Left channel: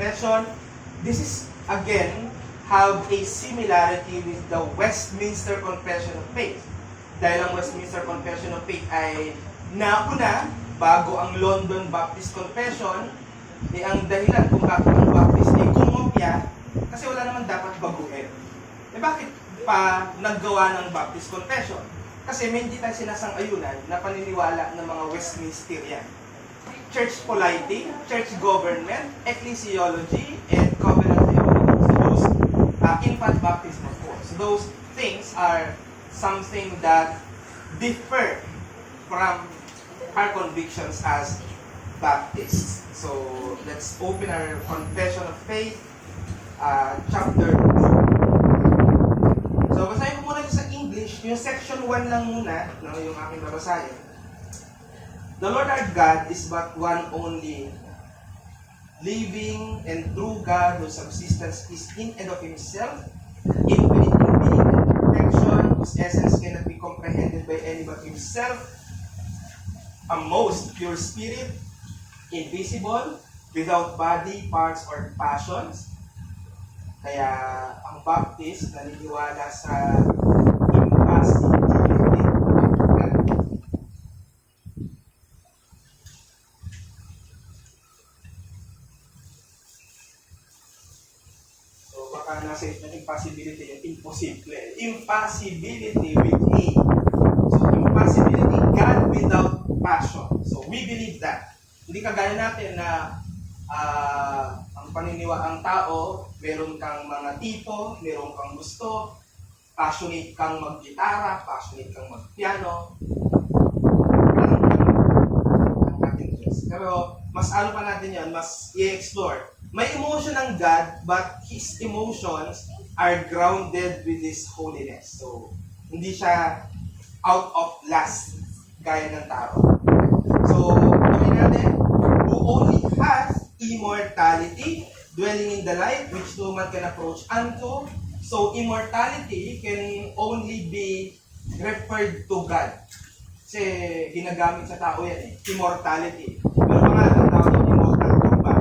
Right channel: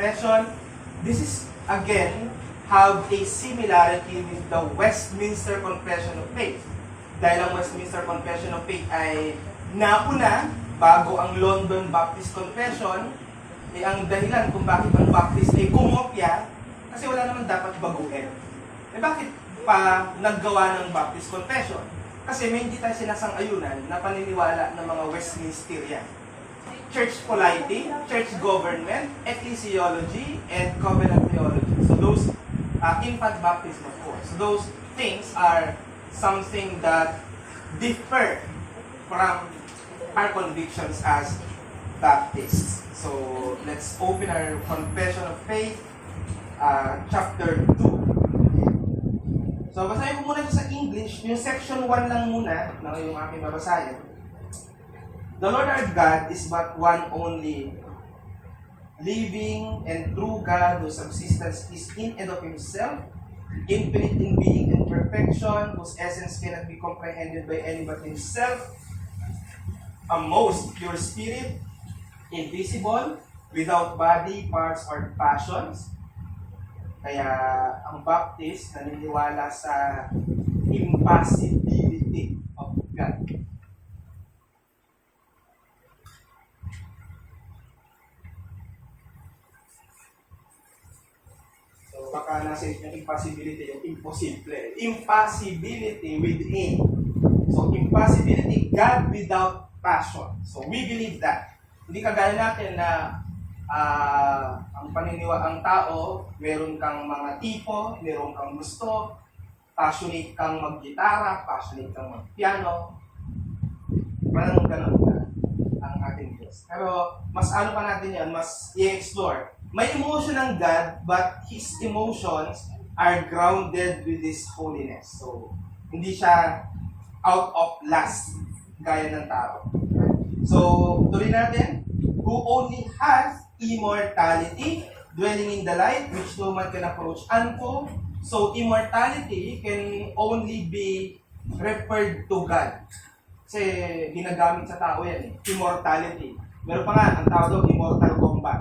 Confession. This is, again, have a similarity with the Westminster Confession of Faith. Dahil ang Westminster Confession of Faith ay nauna bago ang London Baptist Confession, ang dahilan kung bakit ang Baptist ay kumopya, kasi wala naman dapat baguhin. Bakit pa naggawa ng Baptist Confession? Kasi may hindi tayo sinasang-ayunan na paniniwala ng mga Westminsterian. Church polity, church government, ecclesiology, and covenant theology. So those, infant baptism of course. So those things are something that differ from our convictions as Baptists. So let's open our Confession of Faith, chapter 2. So basahin ko muna sa English, yung section 1 lang muna, na yung aking babasahin. The Lord our God is but one only, living and true God whose subsistence is in and of Himself, infinite in being and perfection, whose essence cannot be comprehended by any but Himself, a most pure spirit, invisible, without body, parts, or passions. Kaya ang Baptist naniniwala sa impassibility of God. So baka nasa yung impossibility, yung imposible. Impossibility with A. So impossibility, God without passion. So we believe that. Hindi kagaya natin na ang tao, meron kang mga tipo, meron kang gusto, passionate kang mag-gitara, passionate kang mag-piano. Ang ating Diyos. Pero mas ano pa natin yan, mas i-explore. May emotion ng God, but His emotions are grounded with His holiness. So, hindi siya out of lust, gaya ng tao. So, tuloy natin, who only has immortality, dwelling in the light, which no man can approach unto. So, immortality can only be referred to God. Kasi ginagamit sa tao yan immortality. Pero mga ang tawag yung immortal combat.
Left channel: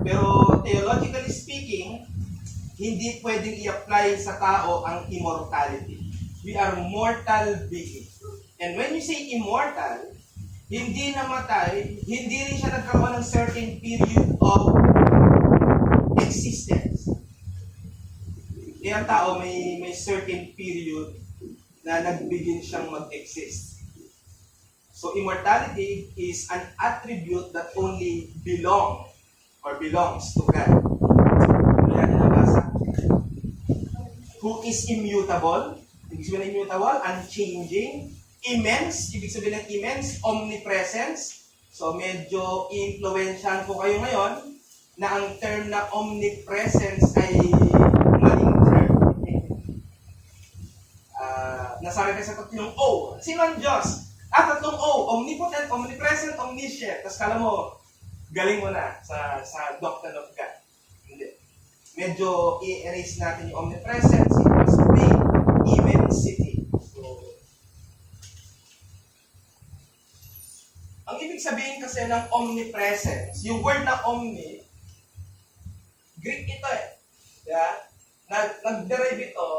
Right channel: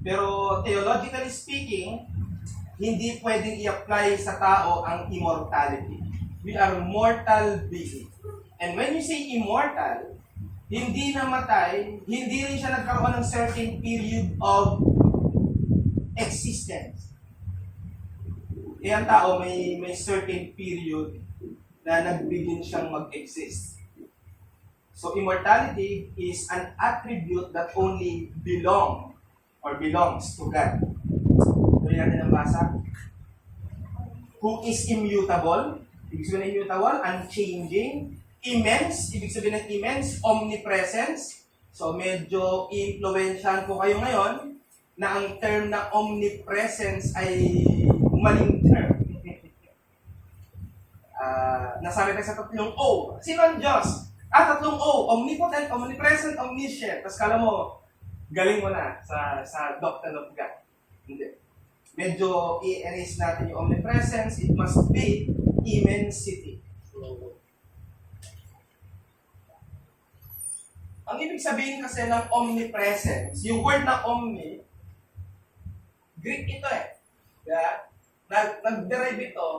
Pero theologically speaking, hindi pwedeng i-apply sa tao ang immortality. We are mortal beings. And when you say immortal, hindi namatay, hindi rin siya nagkaroon ng certain period of existence. Ang tao may certain period na nagbigin siyang mag-exist. So immortality is an attribute that only belongs to God. Yan ang basa. Who is immutable? Ibig sabihin ng immutable, unchanging. Immense, ibig sabihin ng immense, omnipresence. So medyo influensyahan ko kayo ngayon na ang term na omnipresence ay maling term. Nasabi tayo sa tatlong O. Sino ang Diyos? Tatlong O. Omnipotent, omnipresent, omniscient. Tapos kala mo, galing mo na sa doctrine of God. Hindi. Medyo i-erase natin yung omnipresence. It must be immensity. Ang ibig sabihin kasi ng omnipresence, yung word na omni, Greek ito Yeah? Nag-derive ito,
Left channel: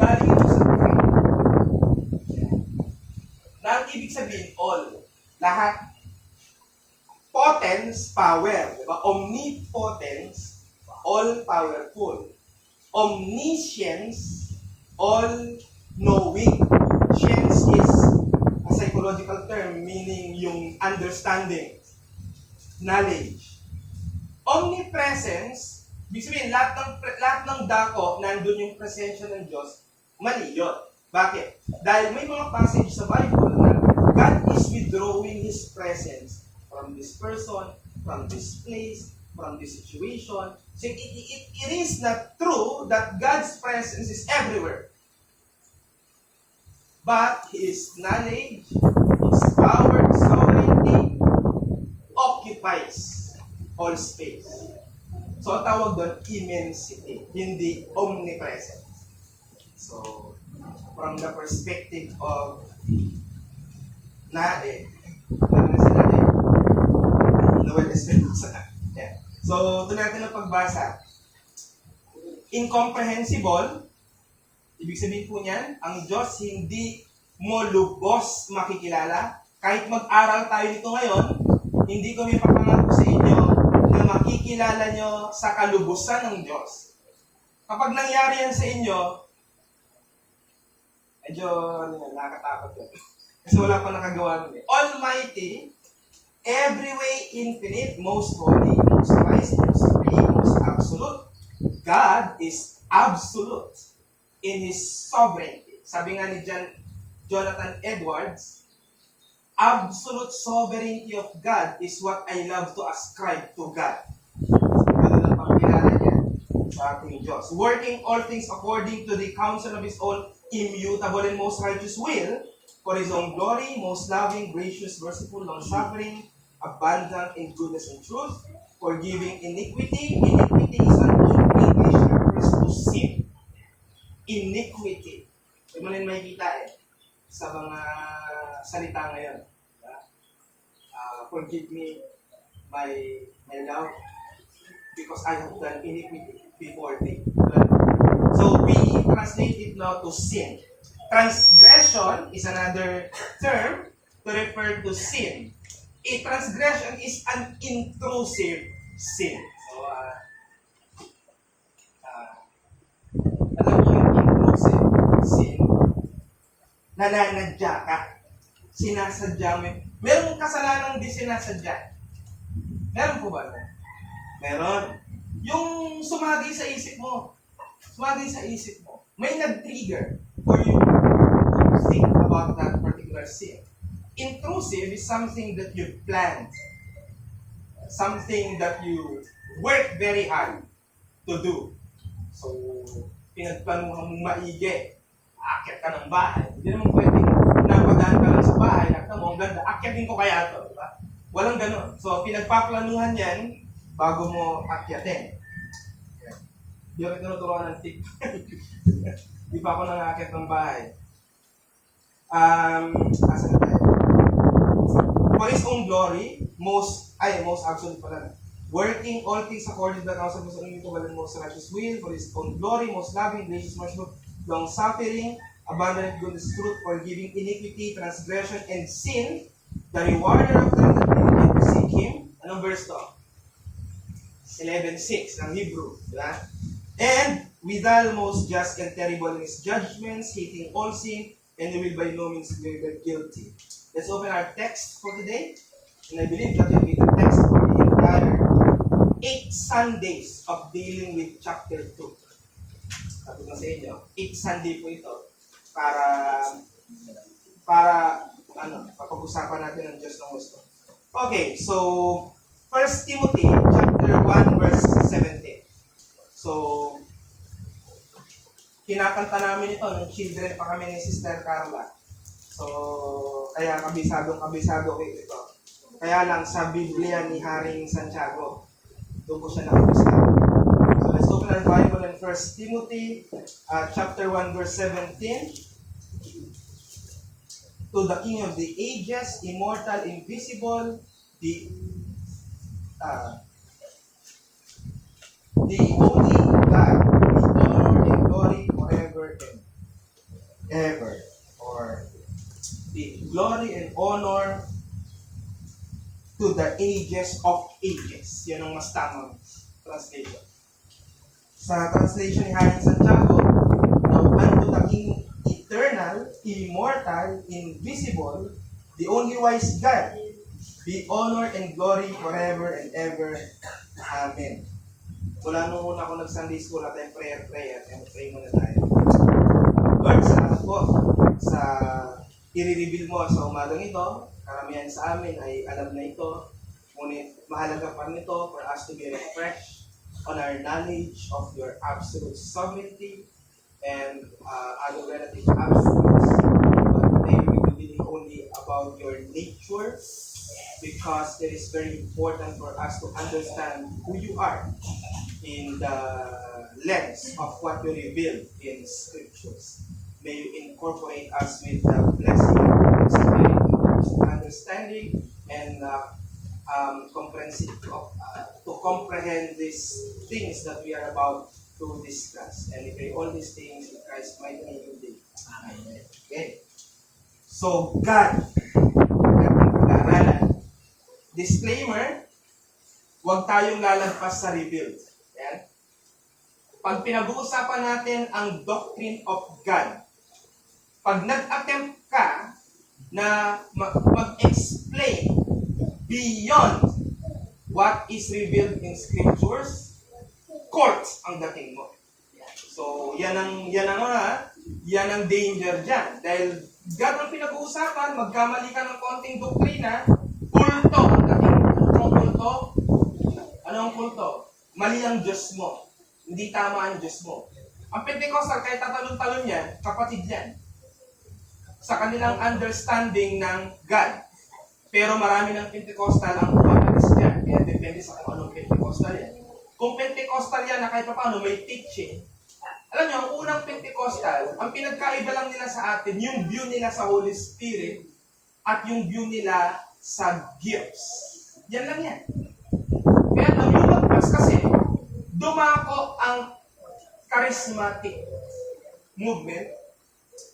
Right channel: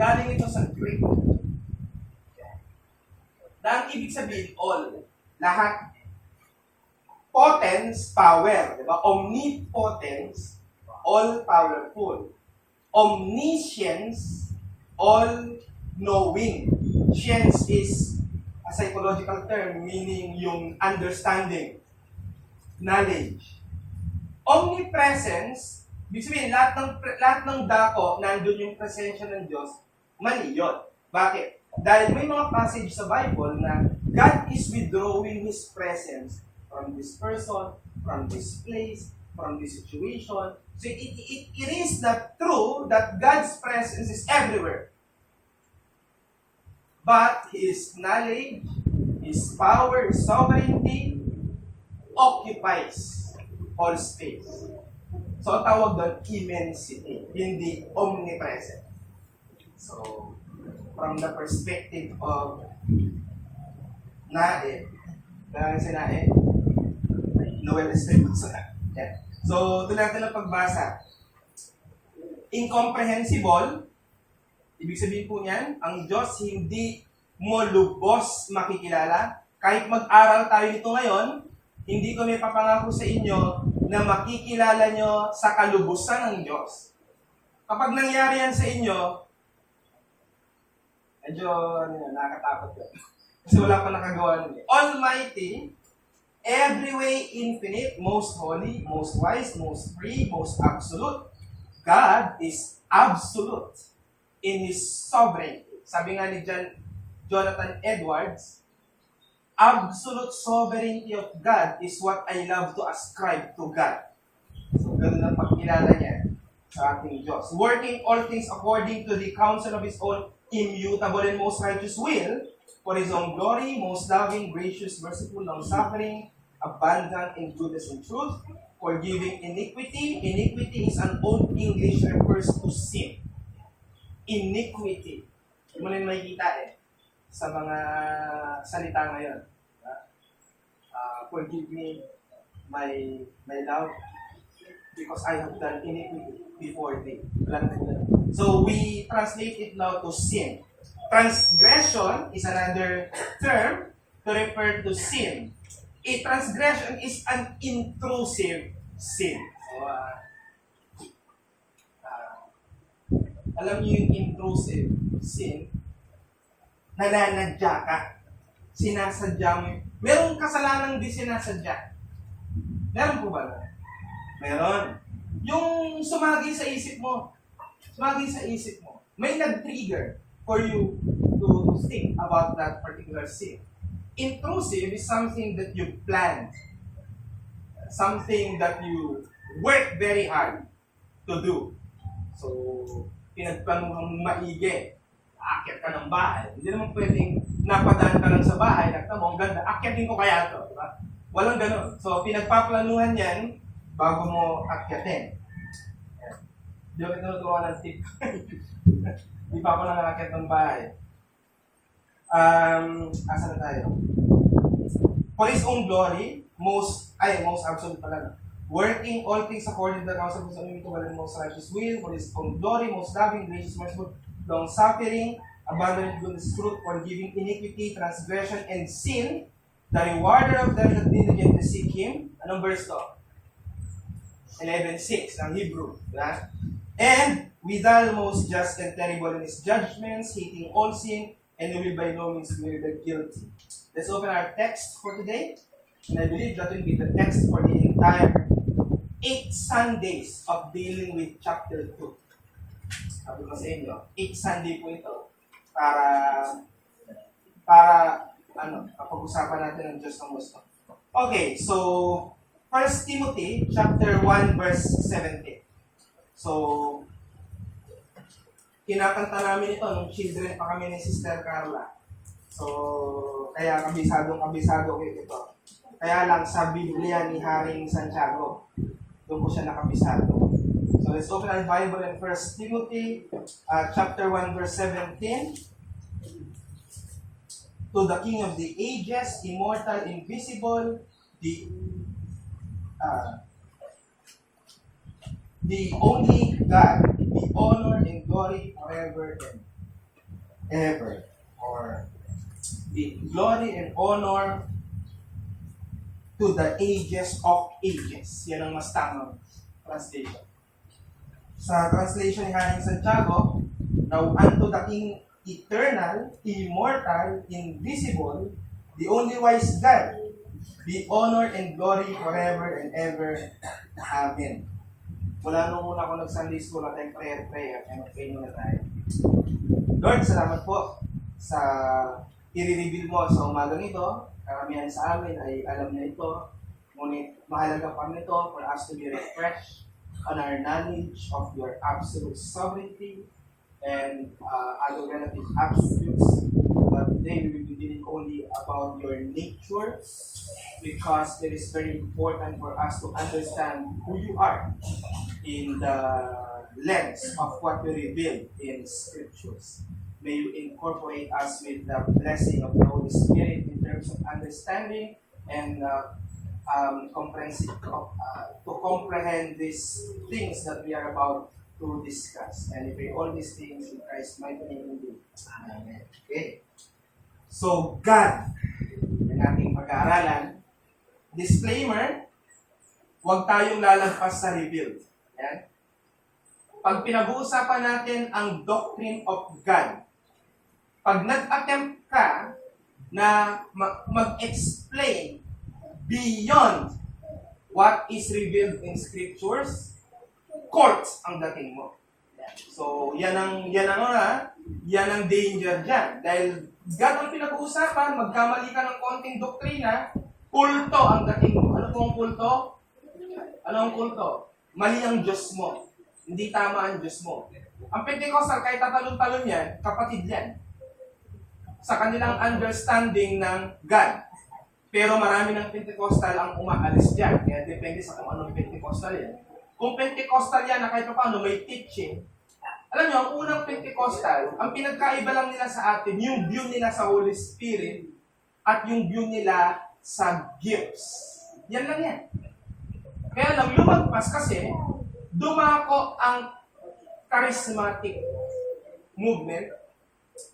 galing ito sa Greek. Na ang ibig sabihin, all. Lahat. Potence, power. Diba? Omnipotence, all-powerful. Omniscience, all-knowing. Science is a psychological term meaning yung understanding, knowledge. Omnipresence, ibig sabihin, lahat ng dako, nandun yung presensya ng Diyos, mali yun. Bakit? Dahil may mga passage sa Bible na God is withdrawing His presence from this person, from this place, from this situation. So it is not true that God's presence is everywhere. But His knowledge, His power, His sovereignty occupies all space. So, ang tawag doon, immensity, hindi omnipresence. So, from the perspective of Noel Espinosa. Yeah. So, tuloy natin ang pagbasa. Incomprehensible, ibig sabihin po niyan, ang Diyos hindi mo lubos makikilala. Kahit mag-aral tayo nito ngayon, hindi ko may papangako sa inyo na makikilala nyo sa kalubusan ng Diyos. Kapag nangyari yan sa inyo, medyo nakakatakot yun. Kasi wala pa nakagawa nun. Almighty, every way infinite, most holy, most wise, most free, most absolute. God is absolute in His sovereignty. Sabi nga ni Jonathan Edwards, absolute sovereignty of God is what I love to ascribe to God. Ganun ang pagkilala niya sa ating Diyos. Working all things according to the counsel of His own immutable and most righteous will, for His own glory, most loving, gracious, merciful, long-suffering, abundant in goodness and truth, forgiving iniquity. Iniquity is an old English refers to sin. Iniquity. Hindi mo rin makikita sa mga salita ngayon. Forgive me, my love, because I have done iniquity before thee. So we translate it now to sin. Transgression is another term to refer to sin. A transgression is an intrusive sin. So, alam niyo yung intrusive sin? Nananadya ka. Sinasadya mo. Merong kasalanan di sinasadya. Meron po ba? Meron. Yung sumagi sa isip mo. Sumagi sa isip mo. May nag-trigger for you to think about that particular sin. Intrusive is something that you planned. Something that you work very hard to do. So, pinagplanuhan mong maigi. Aakyat ka ng bahay. Hindi naman pwedeng napadaan ka lang sa bahay. Nakita mo, ang ganda. Akyatin ko kaya ito. Diba? Walang ganun. So, pinagpaplanuhan yan bago mo akyatin. Hindi ako tinuturuan ng tip. Hindi pa ako nangakyat ng bahay. Asa na tayo? For His own glory, most absolute pala. Working all things according to the counsel of His own immutable and most righteous will, for His own glory, most loving, gracious, merciful, long-suffering, abundant goodness, truth, forgiving iniquity, transgression, and sin, the rewarder of them that diligently seek Him. Anong verse to? 11:6 ng Hebrew. Diba? And withal most just and terrible in His judgments, hating all sin, and He will by no means clear the guilty. Let's open our text for today. And I believe that will be the text for the entire 8 Sundays of dealing with chapter 2. Sabi ko sa inyo, 8 Sunday po ito para kapag-usapan natin ang Diyos ng gusto. Okay, so 1 Timothy chapter 1 verse 17. So, kinakanta namin ito nung children pa kami ni Sister Carla. So, kaya kabisado ko ito. Kaya lang sa Biblia ni Haring Santiago, doon ko siya nakabisado. So, let's open our Bible in 1 Timothy chapter 1 verse 17. To the King of the ages, immortal, invisible, the only God, be honor and glory forever and ever. Or the glory and honor to the ages of ages. Yan ang mas tamang translation. Sa translation ni Haring Santiago, now unto the King eternal, immortal, invisible, the only wise God, be honor and glory forever and ever. Amen. Mula nung una ako nag-Sunday school at prayer, and pray muna tayo. Lord, salamat po sa i-reveal mo sa umagang ito. Karamihan sa amin ay alam na ito. Ngunit mahalaga pa nito for us to be refreshed on our knowledge of your absolute sovereignty and other relative absolutes. But today we will be dealing only about your nature, because it is very important for us to understand who you are in the lens of what you revealed in Scriptures. May you incorporate us with the blessing of the Holy Spirit in terms of understanding and to comprehend these things that we are about to discuss. And we pray all these things in Christ's mighty name indeed. Amen. Okay. So, God, ating pag-aaralan. Disclaimer, huwag tayong lalagpas sa revealed. Yan. Pag pinag-uusapan natin ang doctrine of God, pag nag-attempt ka na mag-explain beyond what is revealed in scriptures, court ang dating mo. So, yan ang danger dyan. Dahil God ang pinag-uusapan, magkamali ka ng konting doktrina, kulto ang dating mo. Ano ang kulto? Ano ang kulto? Mali ang Diyos mo. Hindi tama ang Diyos mo. Ang Pentecostal, kahit tatalon-talon yan, kapatid yan. Sa kanilang understanding ng God. Pero marami ng Pentecostal ang umaalis dyan. Kaya depende sa kung anong Pentecostal yan. Kung Pentecostal yan na kahit paano may teaching, alam nyo, ang unang Pentecostal, ang pinagkaiba lang nila sa atin, yung view nila sa Holy Spirit at yung view nila sa gifts. Yan lang yan. Kaya lang, lumagpas kasi, dumako ang charismatic movement.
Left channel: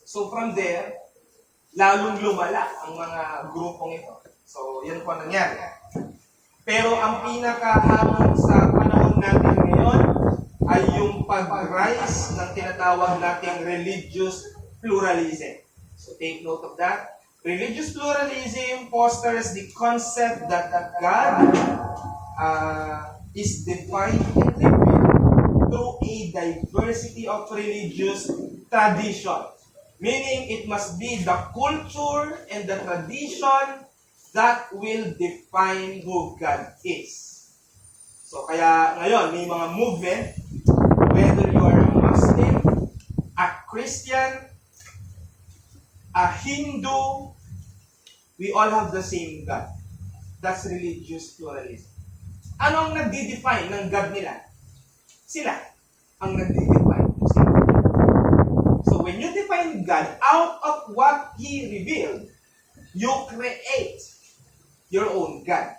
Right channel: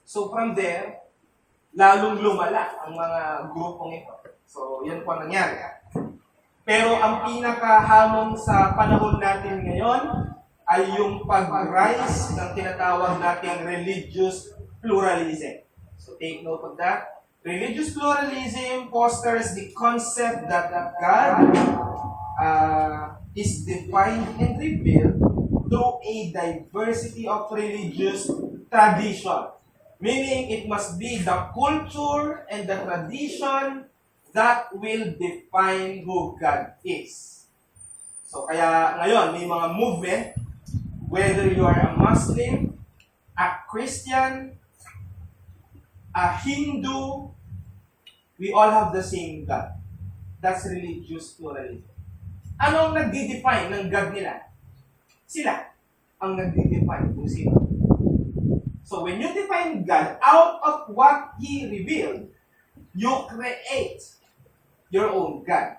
So from there, lalong lumala ang mga grupong ito. So, yan po nangyari. Pero ang pinakahamon sa panahon natin ngayon ay yung pag-rise ng tinatawag nating religious pluralism. So, take note of that. Religious pluralism fosters the concept that God is defined and revealed through a diversity of religious tradition. Meaning, it must be the culture and the tradition that will define who God is. So, kaya ngayon, may mga movement, whether you are a Muslim, a Christian, a Hindu, we all have the same God. That's religious pluralism. Anong nagdi-define ng God nila? Sila ang nagdi-define kung sino. So when you define God out of what He revealed, you create your own God.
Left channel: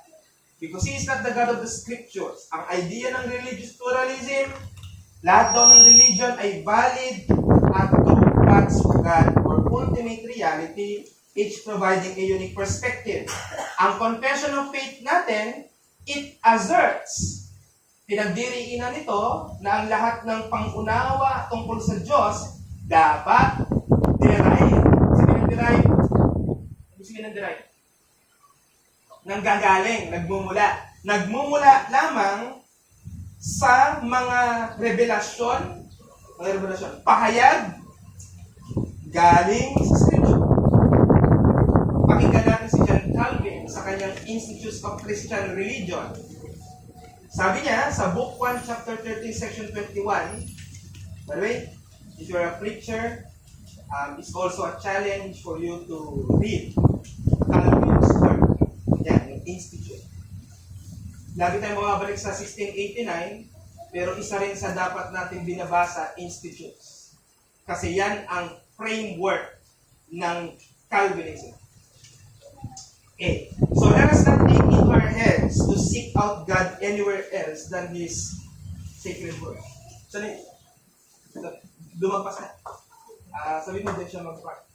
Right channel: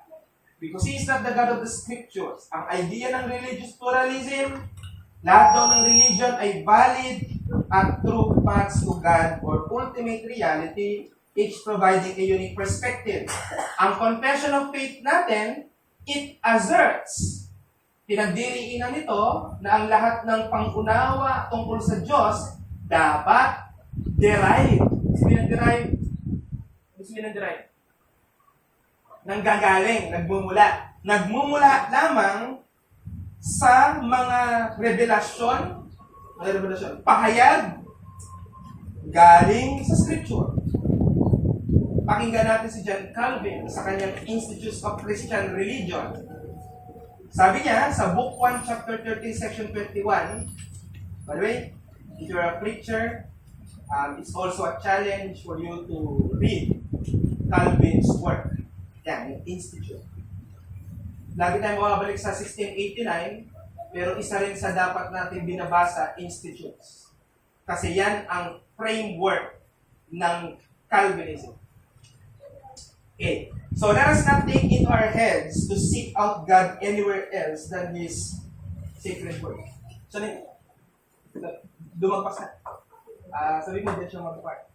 Because He is not the God of the Scriptures. Ang idea ng religious pluralism, lahat daw ng religion ay valid at true facts of God or ultimate reality, each providing a unique perspective. Ang confession of faith natin, it asserts, pinagdiriinan nito na ang lahat ng pangunawa tungkol sa Diyos dapat derive. Ibig sabihin ng derive? Nanggagaling, nagmumula. Nagmumula lamang sa mga revelasyon, pahayag, galing sa Scripture. Pakinggan natin si John Calvin sa kanyang Institutes of Christian Religion. Sabi niya, sa Book 1, Chapter 13, Section 21, by the way, if you're a preacher, it's also a challenge for you to read Calvin's work. Yan, yung Institute. Lagi tayong mababalik sa 1689, pero isa rin sa dapat natin binabasa, Institutes. Kasi yan ang framework ng Calvinism. Okay. So let us not take into our heads to seek out God anywhere else than His sacred word. So, dumagpas na. Sabi mo din siya mag-part.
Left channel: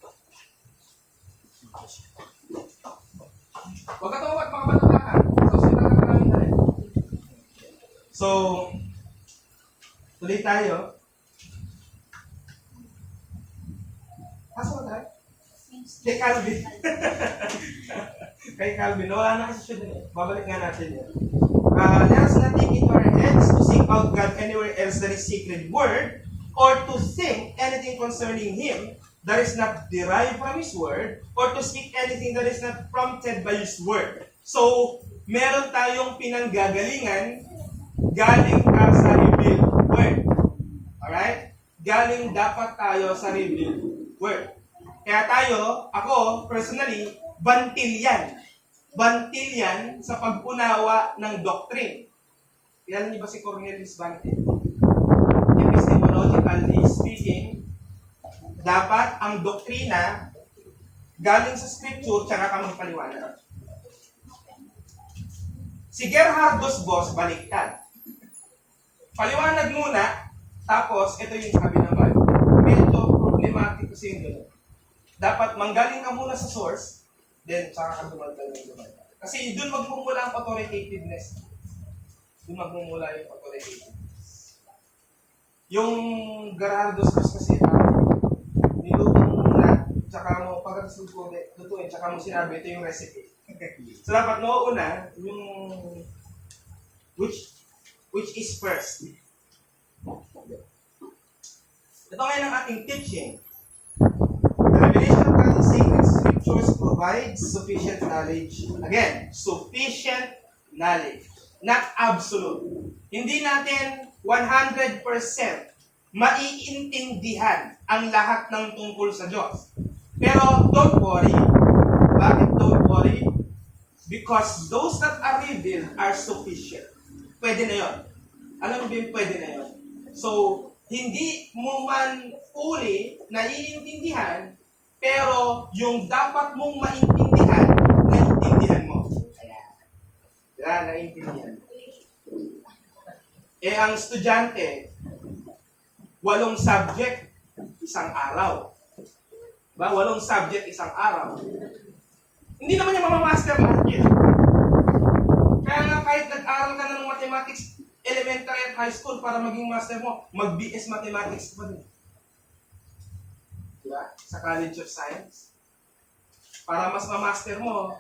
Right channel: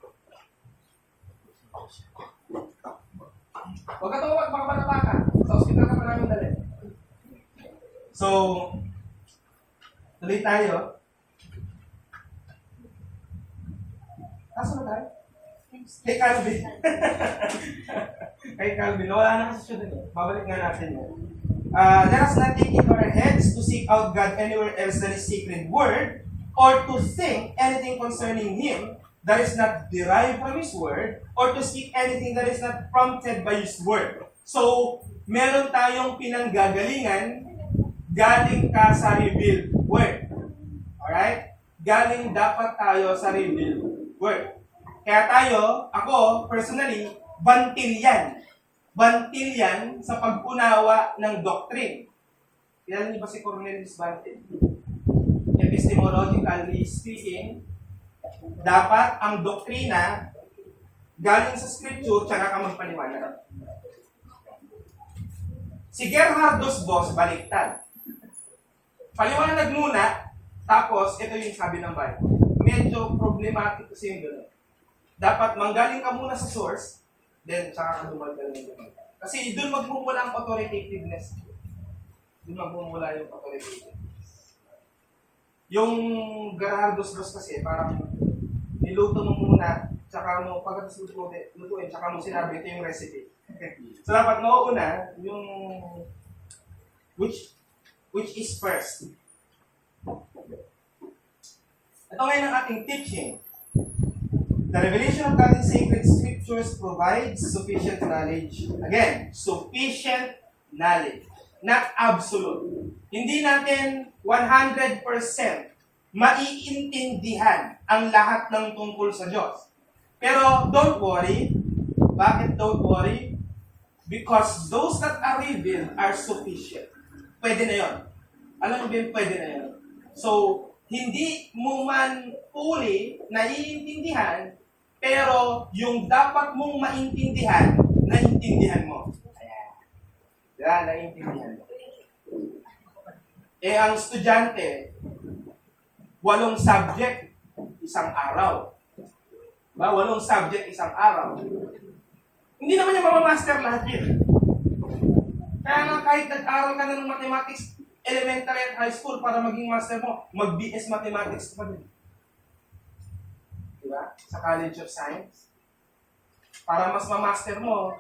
Huwag ka tawag, makapatapa ka. Sa hospital ka maraming dali. So, tuloy tayo. Asa ba tayo? Kay Calvin. Kay Calvin. Nawala na kasi siya dun eh. Babalik nga natin yun. Let us not take into our heads to seek out God anywhere else than His sacred word, or to think anything concerning Him that is not derived from His word, or to speak anything that is not prompted by His word. So, meron tayong pinanggagalingan galing ka sa revealed word. Alright? Galing dapat tayo sa revealed word. Kaya tayo, ako, personally, bantil yan. Bantil yan sa pag-unawa ng doctrine. Kilala niyo ba si Cornelius Bantil? Epistemologically speaking, dapat ang doktrina galing sa scripture tsaka ka magpaliwanag. Si Gerhardus Boss, baliktad. Paliwanag muna, tapos ito yung sabi ng Bible. Medyo problematic kasi yung gano'n. Dapat manggaling ka muna sa source, then tsaka ka dumadal ng dumadal. Kasi doon magmumula ang authoritativeness. Doon magmumula yung authoritativeness. Yung Gerhardus Boss kasi, niluto mo na, tsaka mo, pagkatapos lutuin, tsaka mo sinabi, ito yung recipe. So dapat mauuna yung which is first. Ito ngayon ang ating teaching. The revelation of God's sacred scriptures provides sufficient knowledge. Again, sufficient knowledge. Not absolute. Hindi natin 100% maiintindihan ang lahat ng tungkol sa Diyos. Pero don't worry. Bakit don't worry? Because those that are revealed are sufficient. Pwede na yun. Alam mo ba yung pwede na yun? So, hindi mo man fully naiintindihan, pero yung dapat mong maintindihan, naiintindihan mo. Ayan. Yan, naiintindihan mo. Ang estudyante, 8 subject, isang araw. Ba, 8 subject, isang araw. Hindi naman yung mamamaster lahat yun. Kaya nga kahit nag-aral ka na ng mathematics, elementary at high school para maging master mo, mag-BS mathematics pa din. Diba? Sa College of Science. Para mas ma-master mo,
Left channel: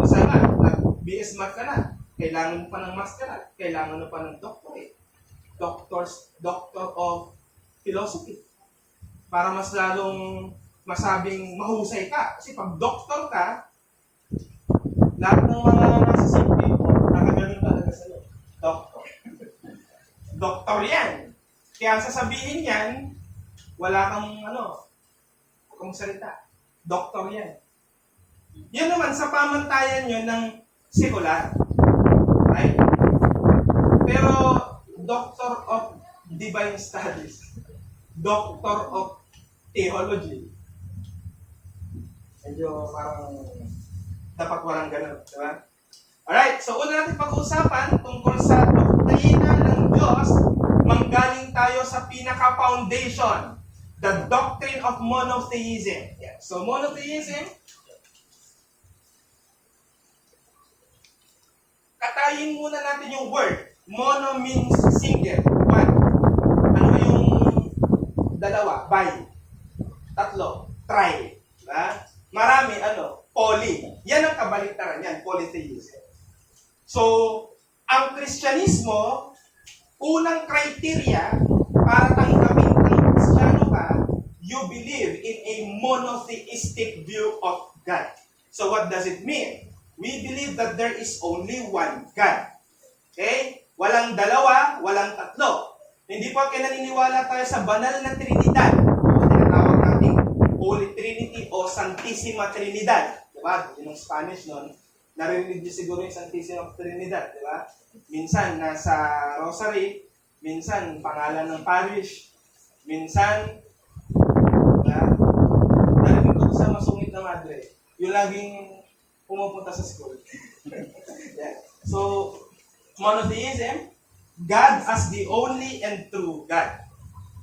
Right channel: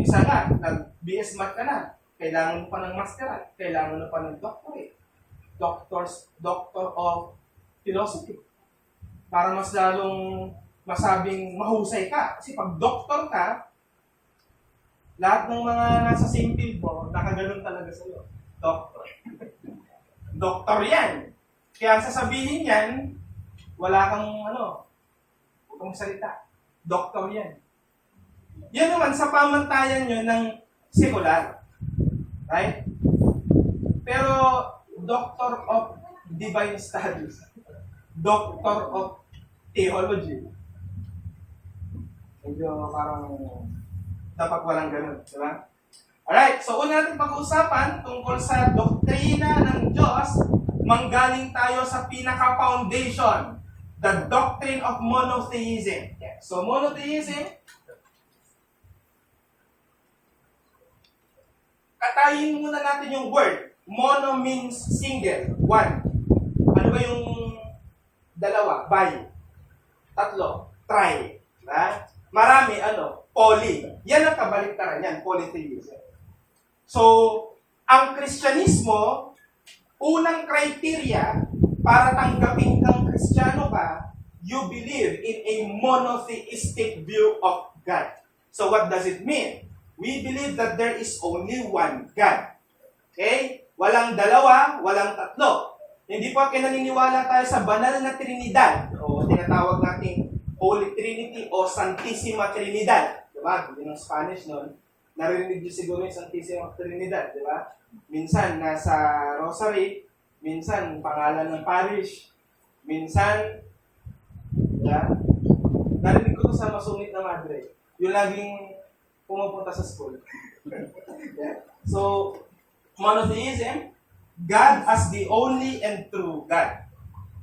minsan lang, nag-BS math ka na, kailangan mo pa ng masteral, kailangan mo pa ng doctorate. Doctor of Philosophy. Para mas lalong masabing mahusay ka. Kasi pag doktor ka, lahat ng mga nasa same field mo, nakaganon talaga sa'yo. Doktor. Doktor yan. Kaya sasabihin yan, wala kang huwag kang salita. Doktor yan. Yan naman sa pamantayan nyo ng sekular. Right? Pero, Doctor of Divine Studies. Doctor of Theology. Medyo parang dapat walang ganun, di ba? Alright, so una natin pag-uusapan tungkol sa doktrina ng Diyos, manggaling tayo sa pinaka-foundation, the doctrine of monotheism. Yeah. So monotheism, katayin muna natin yung word. Mono means single, one. Ano ba yung dalawa? Bi. Tatlo, tri. Diba? Marami, poly. Yan ang kabaliktaran yan, polytheism. So, ang Kristyanismo, unang criteria para tanggapin ng Kristiyano ka, you believe in a monotheistic view of God. So, what does it mean? We believe that there is only one God. Okay? Walang dalawa, walang tatlo. Hindi po naniniwala tayo sa banal na Trinidad. O tinatawag natin Holy Trinity o Santissima Trinidad. Diba? Yun ang Spanish nun. Narinig niyo siguro yung Santissima Trinidad. Diba? Minsan nasa Rosary, minsan pangalan ng parish, minsan, diba? Narinig ko sa Masungit na Madre. Yung laging pumupunta sa school. Yeah. So, monotheism, God as the only and true God.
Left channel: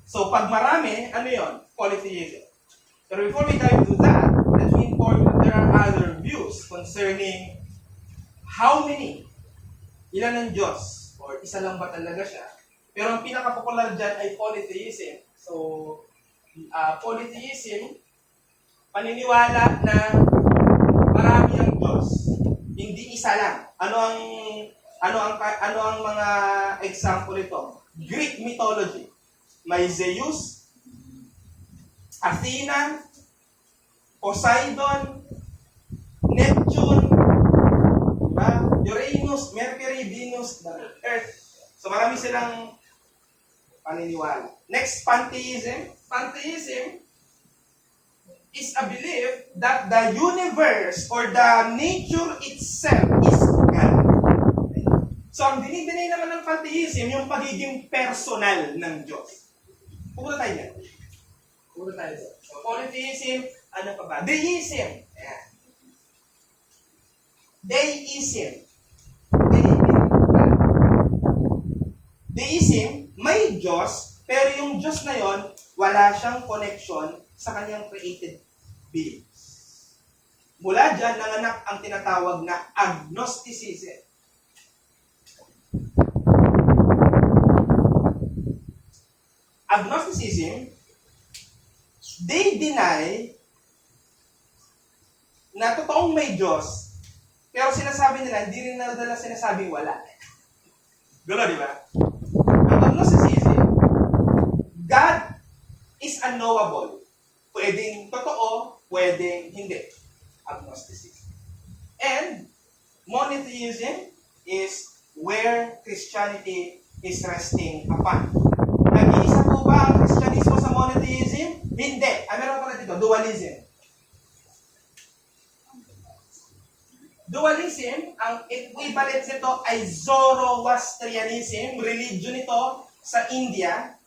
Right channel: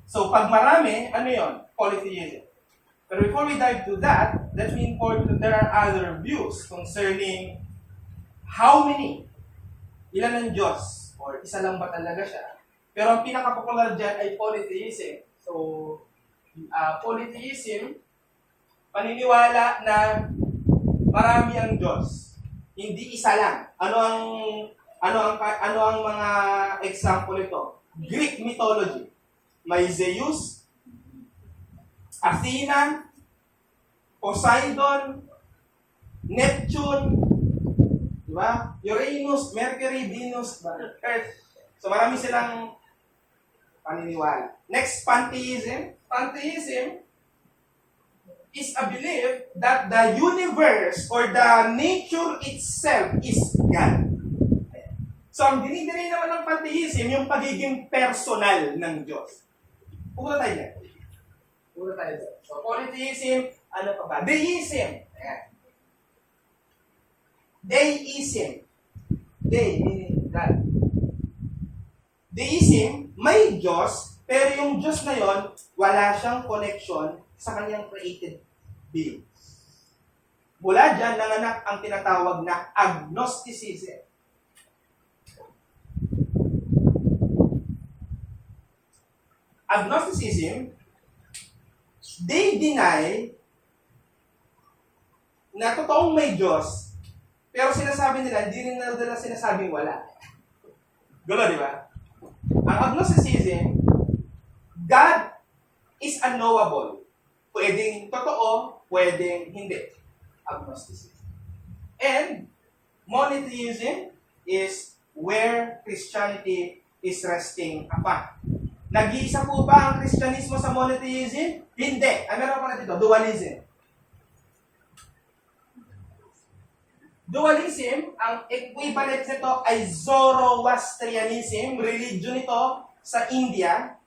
So, pag marami, ano yun? Polytheism. But before we dive into that, let me inform you that there are other views concerning how many, ilan ang Diyos, or isa lang ba talaga siya. Pero ang pinaka-popular dyan ay polytheism. So, polytheism, paniniwala na marami ang Diyos. Hindi isa lang. Ano ang mga example ito? Greek mythology. May Zeus, Athena, Poseidon, Neptune, diba? Uranus, Mercury, Venus, Earth. So marami silang paniniwala. Next, pantheism. Pantheism is a belief that the universe or the nature itself is God. So, ang dinidinay naman ng pantheism, yung pagiging personal ng Diyos. Pupunta tayo dyan. So, polytheism, ano pa ba? Deism. Ayan. Deism. Deism, may Diyos, pero yung Diyos na yon, wala siyang connection sa kanyang created being. Mula dyan, nanganak ang tinatawag na agnosticism. Agnosticism, they deny na totoong may Diyos, pero sinasabi nila, hindi rin nila sinasabing wala. Gulo, di ba? Ang agnosticism, God is unknowable. Pwedeng totoo, pwedeng hindi. Agnosticism. And monotheism is where Christianity is resting upon. Nag-iisa po ba ang Kristyanismo sa monotheism? Hindi. Meron pa na dito, dualism. Dualism, ang equivalent nito ay Zoroastrianism, religion nito sa India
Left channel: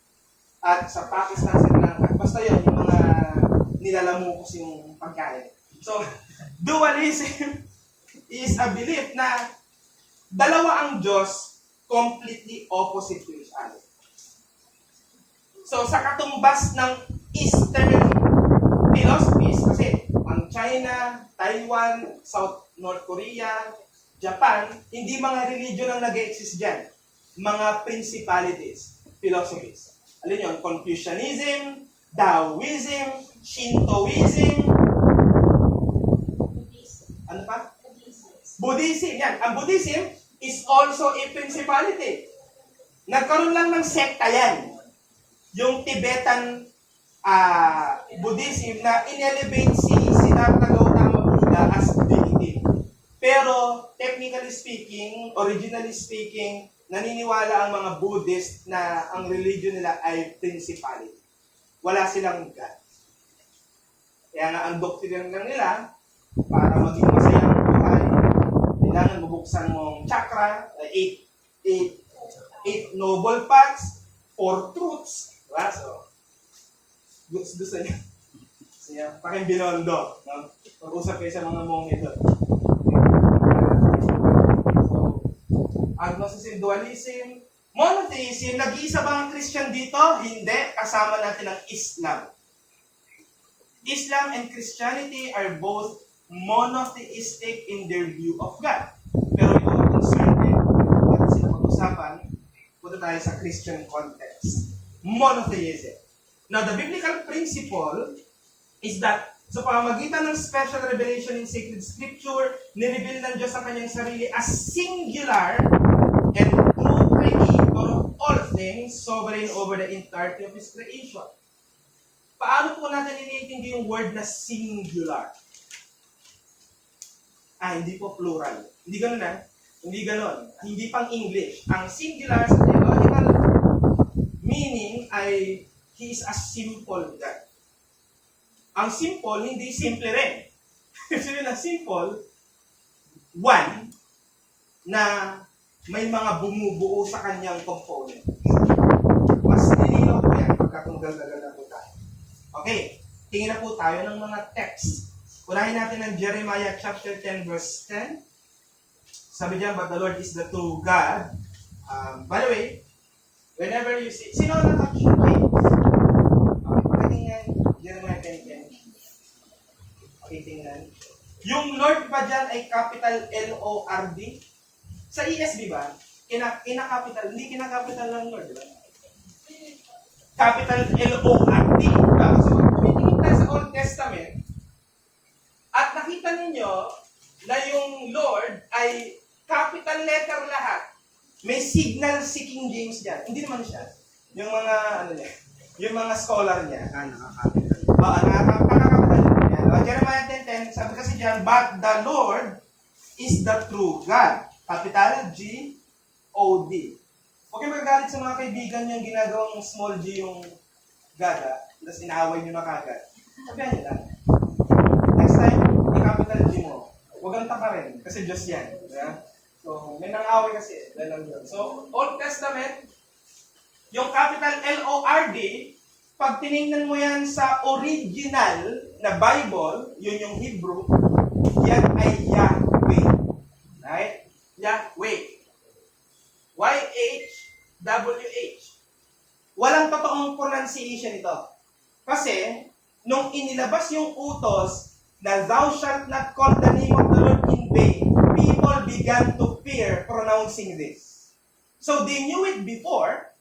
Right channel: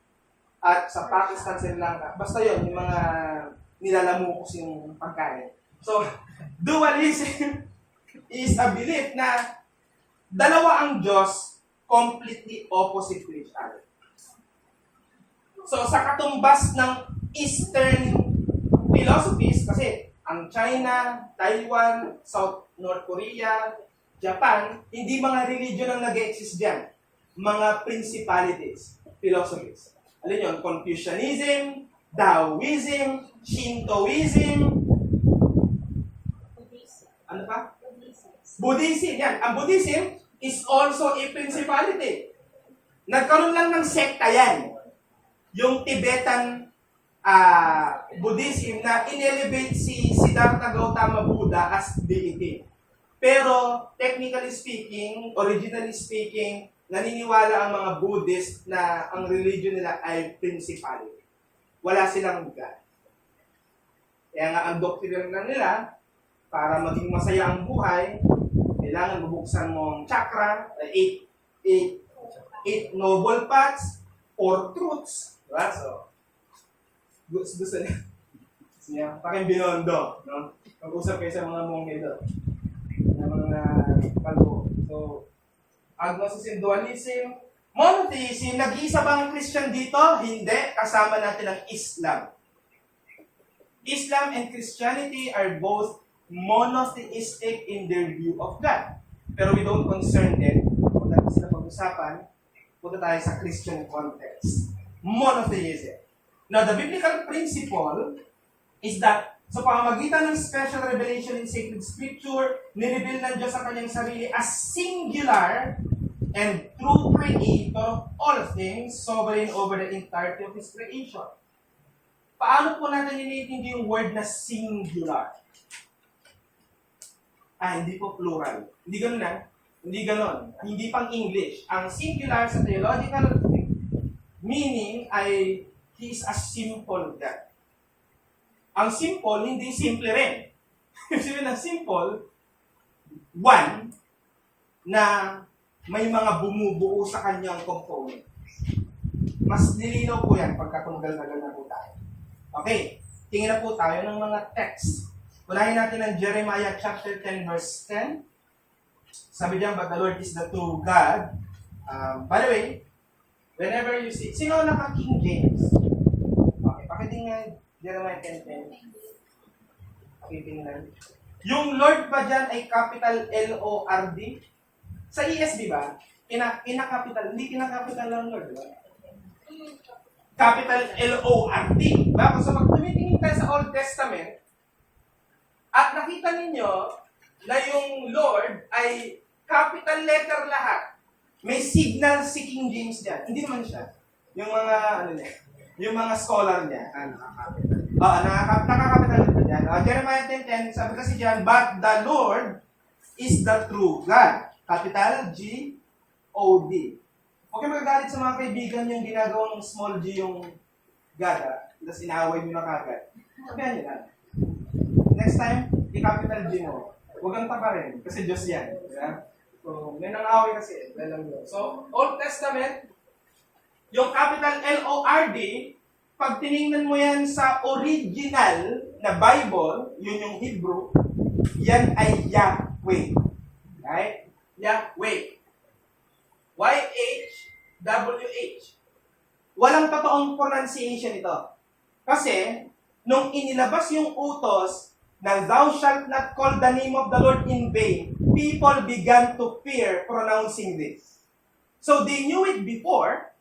at sa Pakistan, Sri Lanka. Basta yun, yung mga nilalamukos yung pagkain. So, dualism is a belief na dalawa ang Diyos, completely opposite to each other. So, sa katumbas ng Eastern philosophies, kasi ang China, Taiwan, North Korea, Japan, hindi mga religion ang nag-exist dyan. Mga principalities, philosophies. Alin yun? Confucianism, Taoism, Shintoism, ano pa? Buddhism. Yan. Ang Buddhism is also a principality. Nagkaroon lang ng sekta yan. Yung Tibetan Buddhism na inelevate si Siddhartha Gautama Buddha as deity. Pero, technically speaking, originally speaking, naniniwala ang mga Buddhist na ang religion nila ay principality. Wala silang God. Kaya nga, ang doctrine lang nila, para maging masaya ang buhay, kailangan mabuksan mong chakra, 8 noble paths, 4 truths. Diba? So, gusto niya. Parang binondo. No? Pag-usap kayo sa mga monghe doon. So, agnosticism, dualism, monotheism, nag-iisa ba ang Christian dito? Hindi. Kasama natin ang Islam. Islam and Christianity are both monotheistic in their view of God. Pero we don't concern them. Dahil sila pag-usapan, punta tayo sa Christian context. Monotheism. Now, the biblical principle is that sa pamamagitan ng special revelation in sacred scripture, nireveal ng Diyos ang kanyang sarili as singular and true creator of all things, sovereign over the entirety of His creation. Paano po natin iniintindi yung word na singular? Hindi po plural. Hindi ganun Hindi ganun. Hindi pang English. Ang singular sa theological meaning ay He is a simple God. Ang simple, hindi simple rin. Sabihin ng simple, one, na may mga bumubuo sa kanyang component. Mas nilinaw po yan pagkatunggal-tagal na po tayo. Okay, tingin na po tayo ng mga text. Unahin natin ang Jeremiah chapter 10 verse 10. Sabi diyan, but the Lord is the true God. By the way, whenever you see, sino naka-King James? Okay, pakitingnan Jeremiah 10:10. Pakitingnan. Yung Lord ba dyan ay capital L-O-R-D? Sa ESV ba? Kina-capital, hindi kina-capital ng Lord, di ba? Capital L-O-R-D. Diba? So, pag tumitingin tayo sa Old Testament, at nakita ninyo na yung Lord ay capital letter lahat. May signal si King James dyan. Hindi naman siya. Yung mga, yung mga scholar niya, nakakapital. Nakakapital niya. Jeremiah 10:10, sabi kasi dyan, but the Lord is the true God. Capital G-O-D. Huwag kayo magagalit sa mga kaibigan yung ginagawang small g yung God, tapos inaaway nyo na kagad. Sabihan nyo na. Next time, i-capital G mo. Huwag kang taka rin, kasi Diyos yan. Yeah? So, may nang-away kasi. So, Old Testament, yung capital L-O-R-D, pag tinignan mo yan sa original na Bible, yun yung Hebrew, yan ay Yahweh. Yahweh. Y-H-W-H. Walang totoong pronunciation ito. Kasi, nung inilabas yung utos na thou shalt not call the name of the Lord in vain, people began to fear pronouncing this. So they knew it before,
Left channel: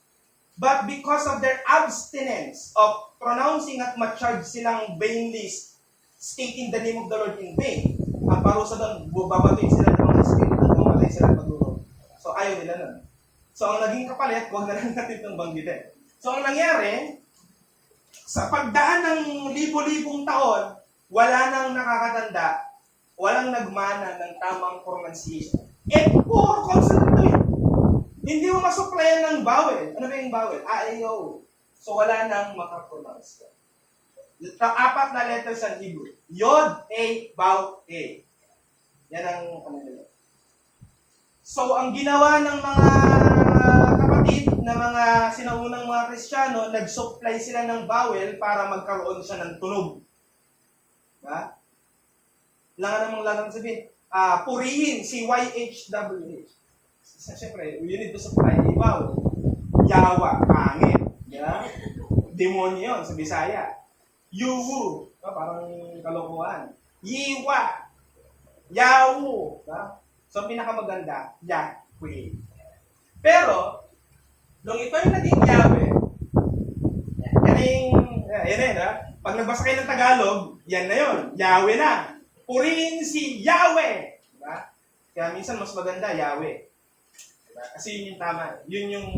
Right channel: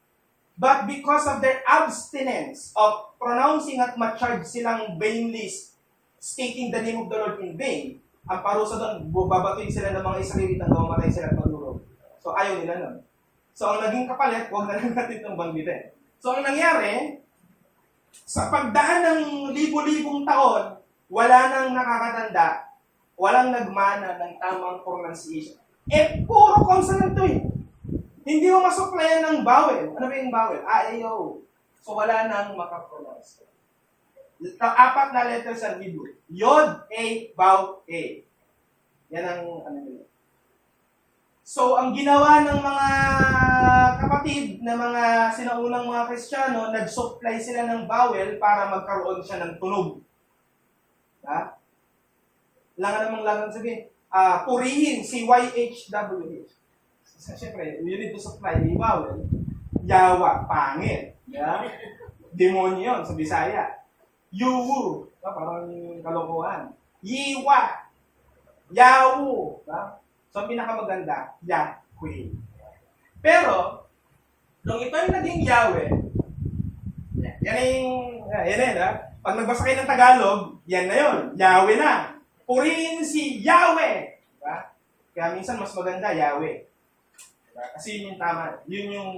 but because of their abstinence of pronouncing at ma-charge silang vainly stating the name of the Lord in vain, ang parusa doon, babatuin sila ng mga Israelita at mamatay sila padurog. So ayaw nila nun. So ang naging kapalit, huwag na lang natin itong banggitin. So ang nangyari, sa pagdaan ng libo-libong taon, wala nang nakakatanda, walang nagmana ng tamang pronunciation. Puro consonant to eh. Hindi mo masuplayan ng vowel. Ano ba yung vowel? A, E, O. So wala nang makapronounce. Apat na letters sa Hebrew. Yod, A, Vav, A. Yan ang ano nila. So ang ginawa ng mga kapatid na mga sinaunang mga Kristiyano, nag-supply sila ng vowel para magkaroon siya ng tunog. Ha? Langan namang langan sabihin, purihin si YHWH. Siyempre, you need to supply a vowel. Yawa, pangit. Yeah? Demonyo yun sa Bisaya. Yuwu, parang kalokohan. Yiwa, Yawu. So, ang pinakamaganda, Yahweh. Pero, nung ito yung naging Yahweh, yan pag nagbasa kayo ng Tagalog, yan na yun, Yahweh na. Purihin si Yahweh. Diba? Kaya minsan mas maganda, Yahweh. Diba? Kasi yun yung tama. Yun yung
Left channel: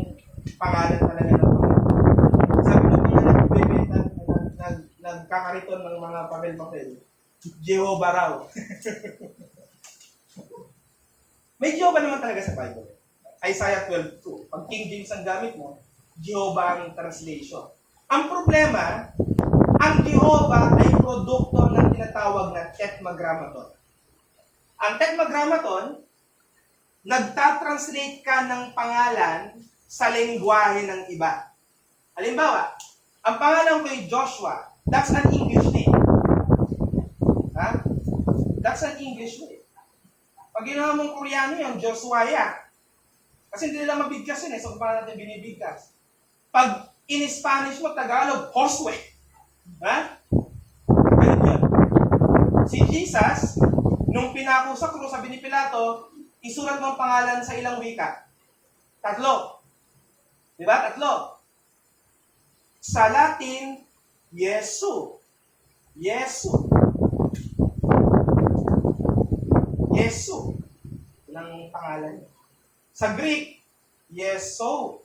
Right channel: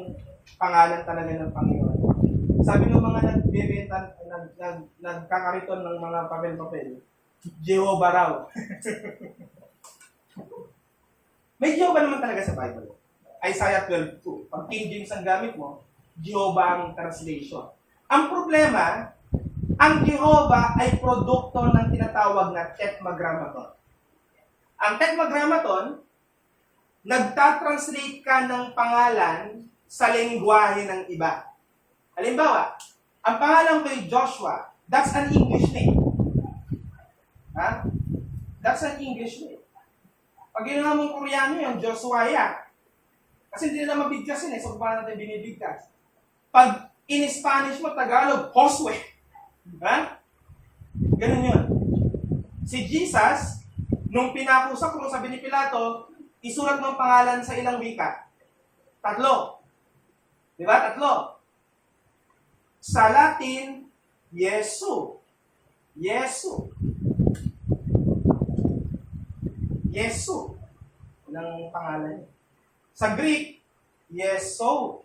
pangalan talaga ng Panginoon. Sabi mo mga nagbebenta, nagkakariton ng mga papel-papel, Jehovah raw. May Jehovah naman talaga sa Bible. Isaiah 12:2. Pag King James ang gamit mo, Jehovah ang translation. Ang problema, ang Jehovah ay produkto ng tinatawag na Tetragrammaton. Ang Tetragrammaton, nagtatranslate ka ng pangalan sa lengguwahe ng iba. Halimbawa, ang pangalan ko ay Joshua. That's an English name. Ha? That's an English name. Pag ginawa mong Koreano yung Joshua. Kasi hindi nila mabigkas yun so paano natin binibigkas? Pag in Spanish mo, Tagalog, Josue. Ha? Ganun yun. Si Jesus, nung pinako sa krus, sabi ni Pilato, isulat mo ang pangalan sa ilang wika. 3. Diba? 3. Sa Latin, Yesu. Yesu. Yesu. Ilang pangalan niya. Sa Greek, Yeso.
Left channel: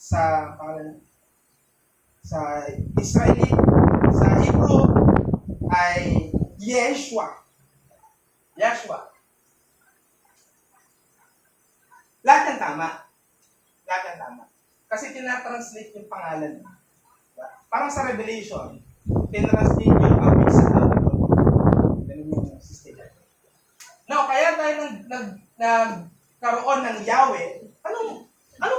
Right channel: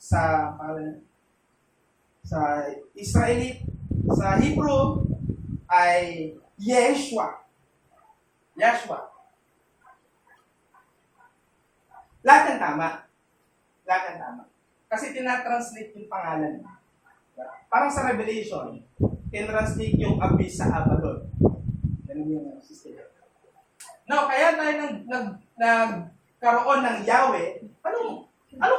Sa pangalan sa Israeli, sa Hebrew ay Yeshua. Yeshua. Lahat ng tama. Lahat ng tama. Kasi tinatranslate yung pangalan. Parang sa Revelation, tinatranslate yung Abyss sa Abaddon. Ganun yung system. Now, kaya tayo nagkaroon ng Yahweh, anong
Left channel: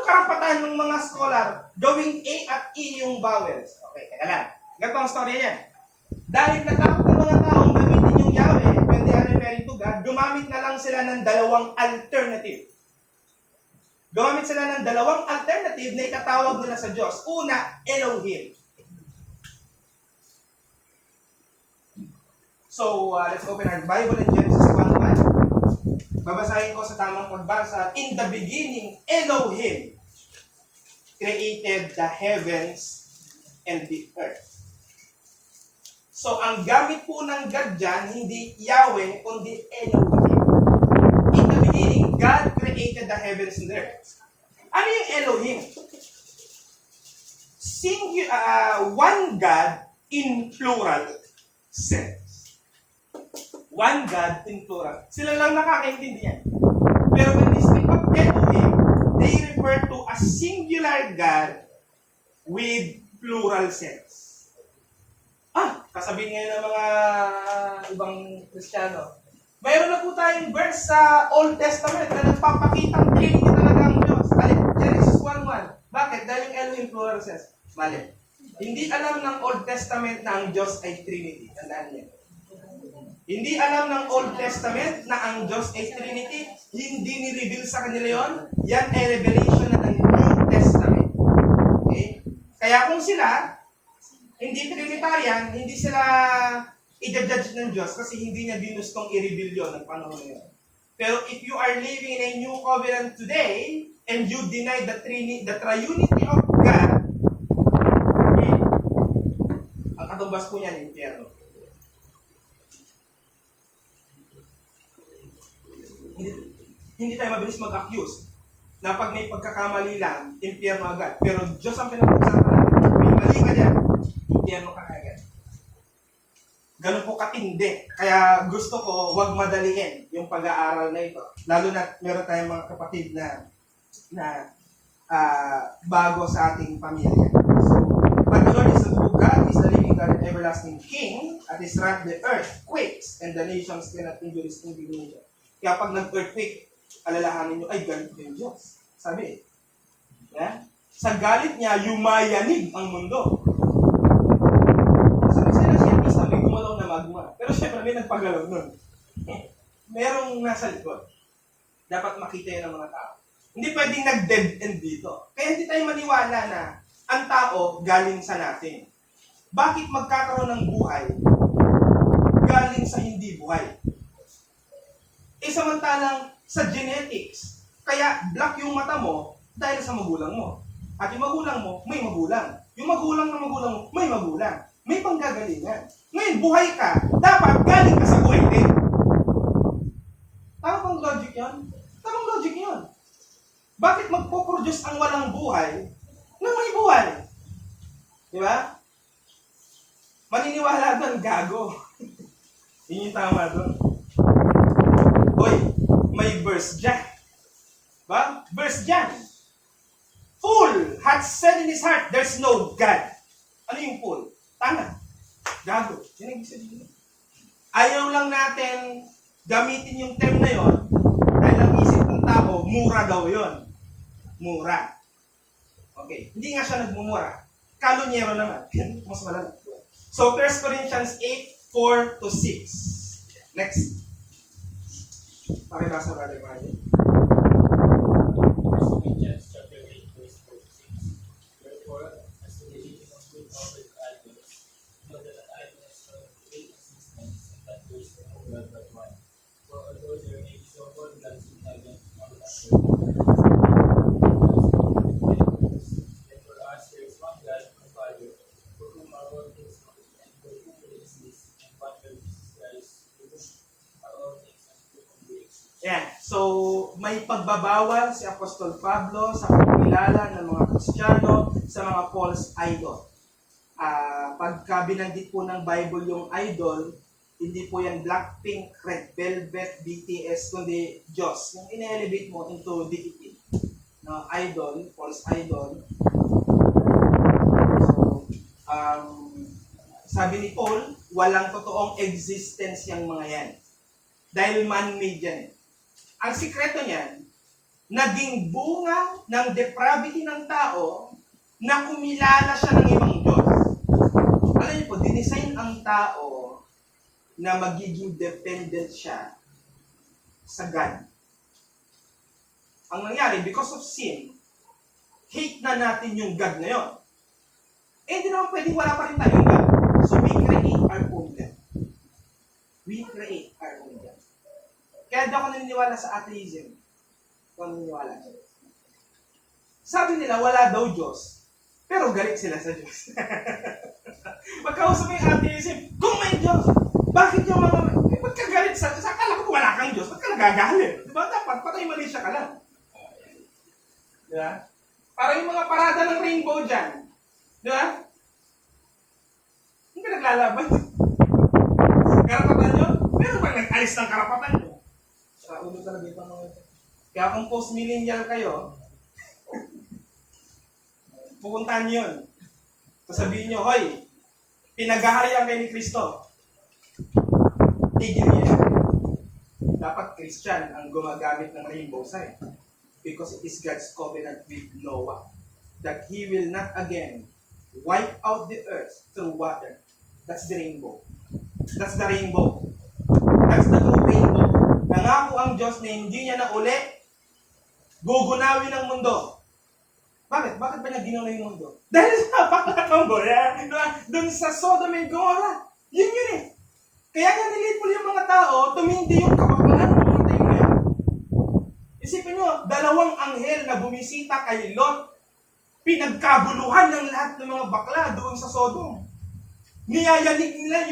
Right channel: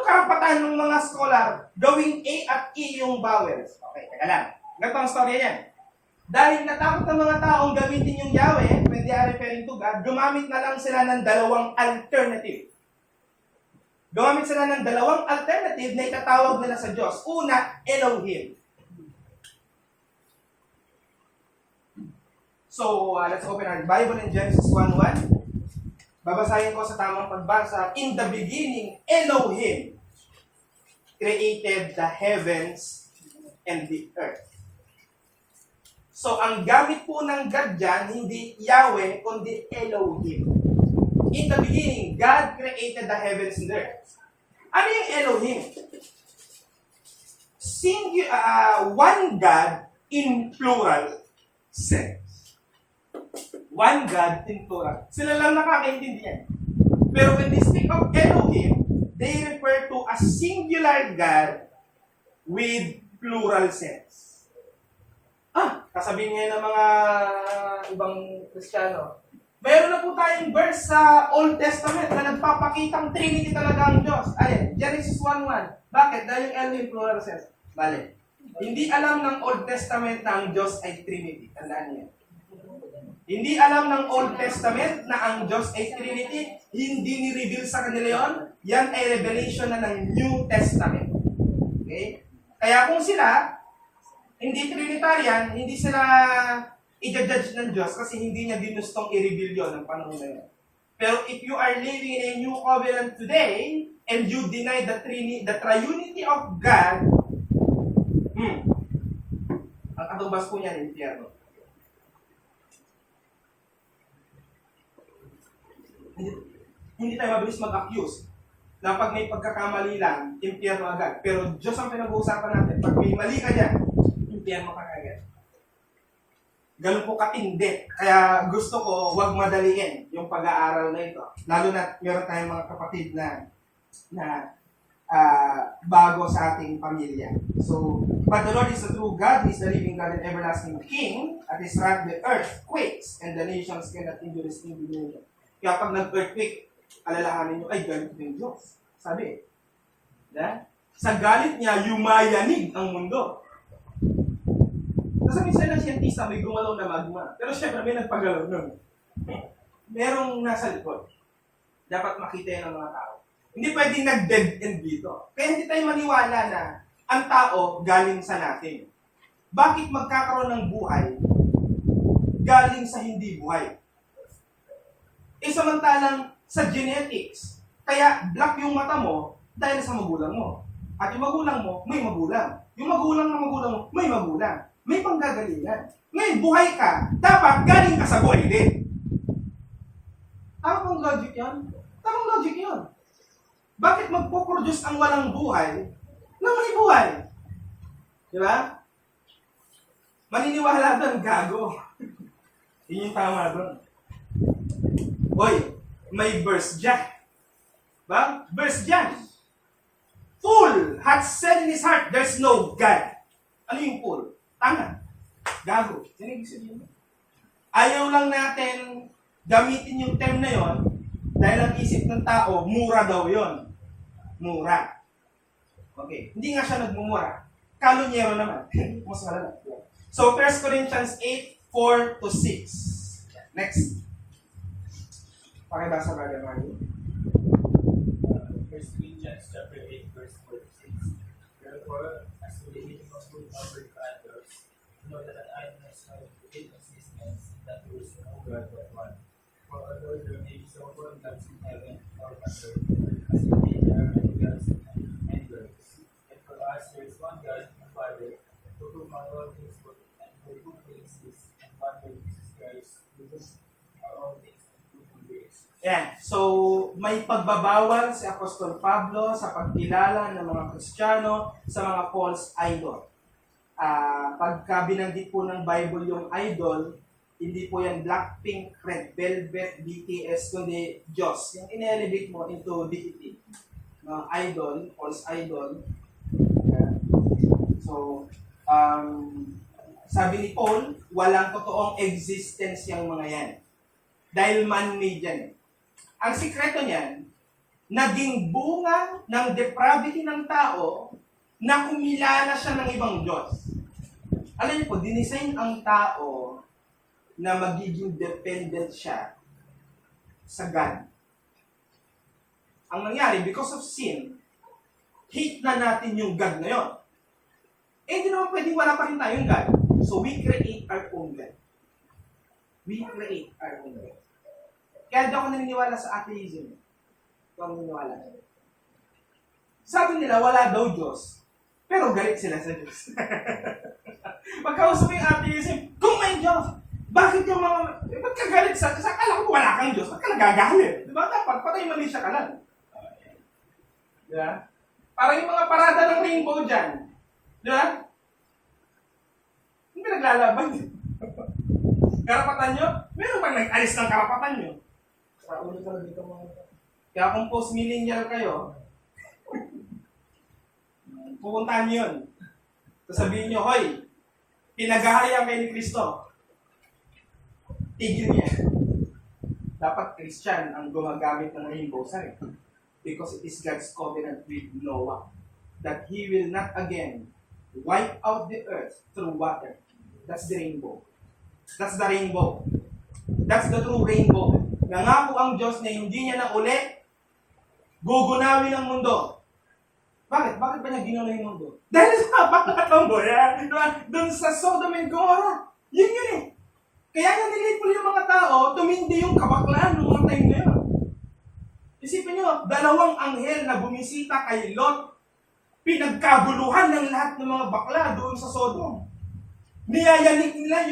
karapatan ng mga scholar gawing A at E yung vowels? Okay, teka lang. Ganito ang storya niyan. Dahil natakot ang mga taong gamitin yung Yahweh, when they are referring to God, gumamit na lang sila ng dalawang alternative. Gumamit sila ng dalawang alternative na itatawag nila sa Diyos. Una, Elohim. So, let's open our Bible in Genesis 1:1. Babasahin ko sa tamang pagbasa. In the beginning, Elohim created the heavens and the earth. So, ang gamit po ng God dyan, hindi Yahweh, kundi Elohim. In the beginning, God created the heavens and the earth. Ano yung Elohim? One God in plural sense. One God in plural. Sila lang nakakaintindihan. Pero when they speak of Elohim, they refer to a singular God with plural sense. Kasabihin ngayon ng mga ibang Kristiyano, mayroon na po tayong verse sa Old Testament na nagpapakitang Trinity talaga ang Diyos. Genesis 1:1. Bakit? Dahil yung Elohim plural sense. Bale. Hindi alam ng Old Testament na ang Diyos ay Trinity. Tandaan niyo. Hindi alam ng Old Testament na ang Diyos ay Trinity. Hindi ni-reveal sa kanila yon. Yan ay revelation na ng New Testament. Okay? Kaya kung sila, hindi Trinitarian, hindi sila i-judge ng Diyos kasi hindi niya ginustong i-reveal yun ng panahon na yun. Pero if you are living in a new covenant today, and you deny the triunity of God, ang katumbas po niyan, impyerno. Hindi tayo mabilis mag-accuse na pag may pagkakamali lang, impyerno agad. Pero Diyos ang pinag-uusapan natin. Pag may mali ka dyan, impyerno ka agad. Ganun po katindi. Kaya gusto ko, huwag madaliin yung pag-aaral na ito. Lalo na meron tayong mga kapatid na bago sa ating pamilya. So, but the Lord is the true God, is the living God and everlasting King, at His wrath the earth quakes, and the nations cannot endure His indignation. Kaya pag nag-earthquake, alalahanin nyo, ay, galit yung Diyos. Sabi, yeah? Sa galit niya, yumayanig ang mundo. Sabi sa'yo ng siyentista, may gumalaw na magma. Pero syempre, may nagpagalaw nun. Merong nasa likod. Dapat makita yan ng mga tao. Hindi pwedeng nag-dead end dito. Kaya hindi tayo maniwala na ang tao galing sa natin. Bakit magkakaroon ng buhay galing sa hindi buhay? Samantalang sa genetics, kaya black yung mata mo dahil sa magulang mo. At yung magulang mo, may magulang. Yung magulang ng magulang mo, may magulang. May panggagalingan. Ngayon, buhay ka, dapat galing ka sa buhay din. Tama bang logic yan? Tamang logic yun. Bakit magpo-produce ang walang buhay nang may buhay? Di ba? Maniniwala doon, gago. Yun yung tama doon. Hoy, may verse dyan. Ba? Verse dyan. Fool hath said in his heart, there's no God. Ano yung fool? Tanga. Gago. Yan ang ibig sabihin. Ayaw lang natin gamitin yung term na yon dahil ang isip ng tao, mura daw yon. Mura. Okay. Hindi nga siya nagmumura. Kalunyero naman. Mas malala. So, 1 Corinthians 8, 4-6. Next. Pakibasa, Brother Mario. 1 Corinthians chapter 8, verse 4-6. Therefore, as to the eating of food offered to idols, know that an idol has no real existence, and that there is no God but one. For although there may be so called gods in heaven or on earth, there are many gods and many purposes. Yet for us there is one God, the Father, for whom are all things working, and for whom we exist, and one Lord Jesus Christ, for whom are all things, and for whom we exist. Yan. So, may pagbabawal si Apostol Pablo sa pagkilala ng mga Kristiyano sa mga false idol. Pagka binanggit po ng Bible yung idol, hindi po yan Blackpink, Red Velvet, BTS, kundi Diyos. Yung in-elevate mo into deity. Idol, false idol. So, sabi ni Paul, walang totoong existence yung mga yan. Dahil man-made yan. Ang sikreto niyan, naging bunga ng depravity ng tao na kumilala siya ng ibang Diyos. Alam niyo po, dinesign ang tao na magiging dependent siya sa God. Ang nangyari, because of sin, hate na natin yung God na yun. Hindi naman pwedeng wala pa rin tayong God. So we create our own God. We create our own God. Kaya di ako naniniwala sa atheism. Kung naniniwala. Sabi nila, wala daw Diyos. Pero galit sila sa Diyos. Pagkausap mo yung atheism, kung may Diyos, bakit yung mga... ba't ka galit sa Diyos? Akala ko wala kang Diyos. Ba't ka nagagalit? Diba? Dapat patay mali siya ka lang. Diba? Parang yung mga parada ng rainbow dyan. Diba? Hindi ka naglalaban. Karapatan nyo? Meron bang nag-alis ng karapatan nyo? Sa ulo talaga ito mga ito. Kaya kung post-millennial kayo, pupuntahan nyo yun. Sasabihin nyo, hoy, pinag-aharian kayo ni Kristo. Tigil niya. Dapat Christian ang gumagamit ng rainbow sign. Because it is God's covenant with Noah. That He will not again wipe out the earth through water. That's the rainbow. That's the rainbow. That's the true rainbow. Nangako ang Diyos na hindi niya na uli gugunawin ang mundo. Bakit? Bakit ba niya ginawa yung mundo? Dahil sa pagkakambo yan. Doon sa Sodom and Gomorrah. Yun eh. Kaya nga nilipol yung mga tao, tumindi yung kabaklaan ng mga tayo yan. Isipin nyo, 2 anghel na bumisita kay Lot, pinagkaguluhan ng lahat ng mga bakla doon sa Sodom. Niyayanig nila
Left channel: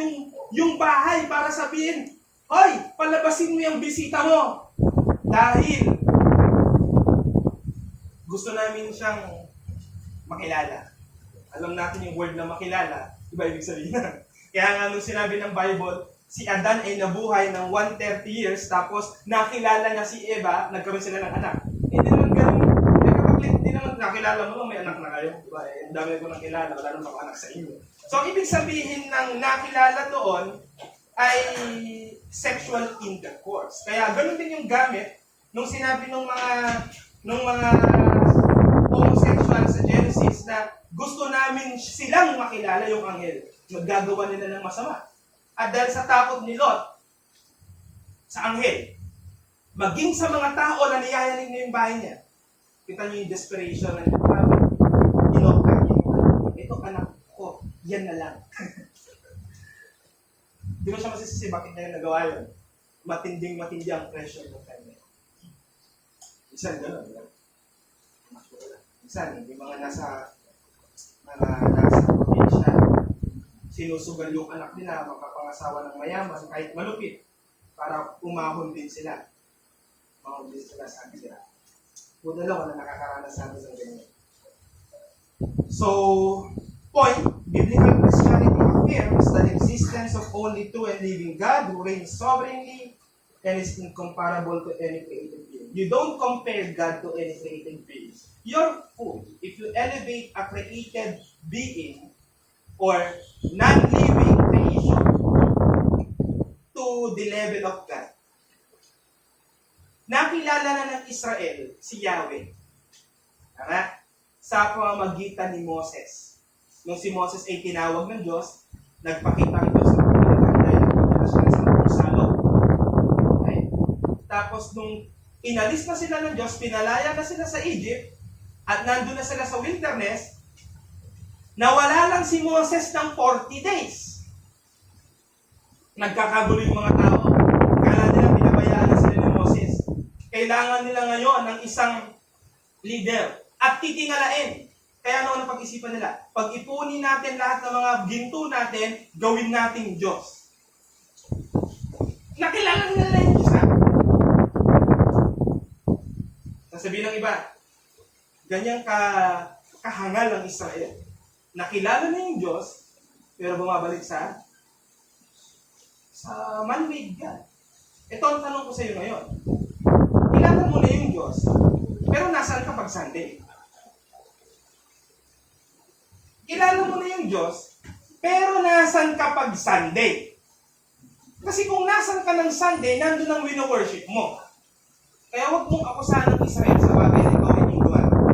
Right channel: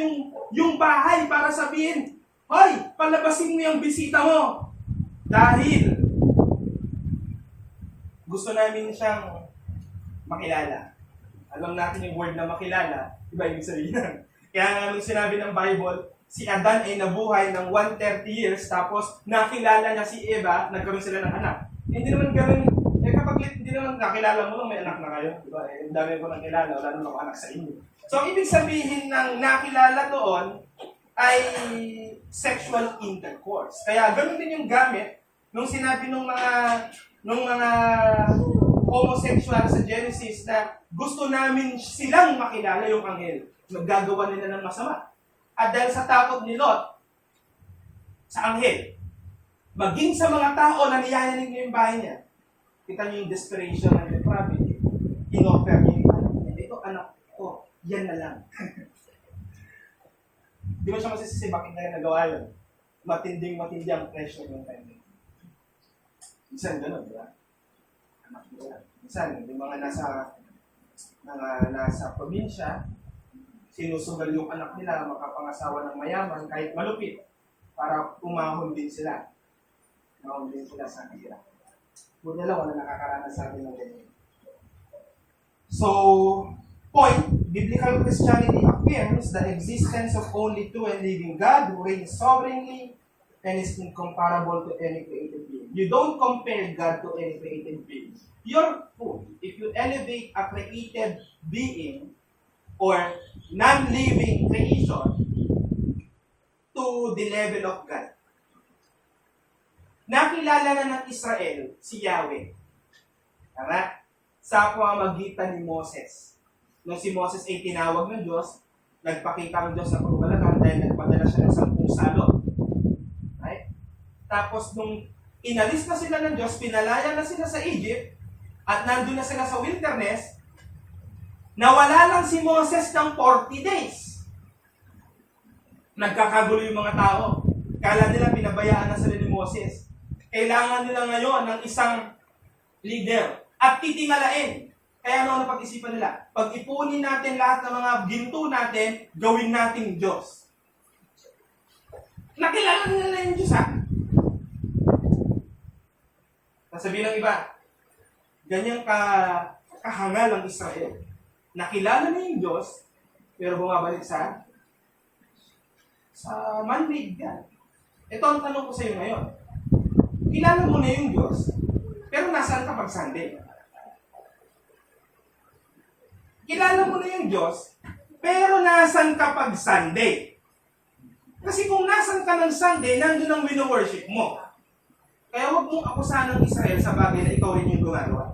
yung bahay para sabihin, hoy, palabasin mo yung bisita mo. Dahil gusto namin siyang makilala. Alam natin yung word na makilala, iba ibig sabihin na. Kaya nga nung sinabi ng Bible, si Adan ay nabuhay ng 130 years, tapos nakilala niya si Eva, nagkaroon sila ng anak. Hindi naman ganun, kapag hindi naman nakilala mo lang, may anak na kayo. Diba? Ang dami ko nang kilala, wala naman ako anak sa inyo. So, ibig sabihin ng nakilala doon ay sexual intercourse. Kaya ganun din yung gamit nung sinabi ng mga homosexual sa Genesis na gusto namin silang makilala yung anghel. Naggagawa nila ng masama. At dahil sa takot ni Lot sa anghel, maging sa mga tao na niyayanig niya yung bahay niya, kita niyo yung desperation ng probably in-offer niya. Ito anak ko, yan na lang. Di ba siya masisisi bakit niya nagawa yun? Matindi ang pressure ng time. Minsan gano'n, di ba? Anak ko lang. Minsan, yung mga nasa probinsya, sinusugal yung anak nila, makapangasawa ng mayaman, kahit malupit, para umahon din sila. Umahon din sila sa kanila. Buti lang na nakakaranas sa amin ng ganyan. So, point, biblical Christianity affirms the existence of only true and living God who reigns sovereignly and is incomparable to any created being. You don't compare God to any created being. You're fool if you elevate a created being or non-living creation to the level of God. Nakilala na ng Israel si Yahweh. Tama? Sa pamamagitan ni Moses. Nung si Moses ay tinawag ng Diyos, nagpakita ng Diyos ng pagkakataon dahil nagpadala siya ng 10 salot. Okay? Tapos nung inalis na sila ng Diyos, pinalaya na sila sa Egypt, at nandun na sila sa wilderness, nawala lang si Moses ng 40 days. Nagkakagulo yung mga tao. Kala nila pinabayaan na sila ni Moses. Kailangan nila ngayon ng isang leader at titingalain. Kaya ano pag-isipan nila? Pag-ipunin natin lahat ng mga ginto natin, gawin nating Diyos. Nakilala nila yung Diyos, ha? Sasabihin ng iba, ganyang kahangal ang Israel. Nakilala na yung Diyos, pero bumabalik sa man-made God. Ito ang tanong ko sa iyo ngayon. Kilala mo na yung Diyos, pero nasaan ka pag Sunday? Kilala mo na yung Diyos, pero nasaan ka pag Sunday? Kasi kung nasaan ka ng Sunday, nandun ang wino-worship mo. Kaya huwag mong akusahan ng Israel sa bagay na ikaw rin yung gumagawa.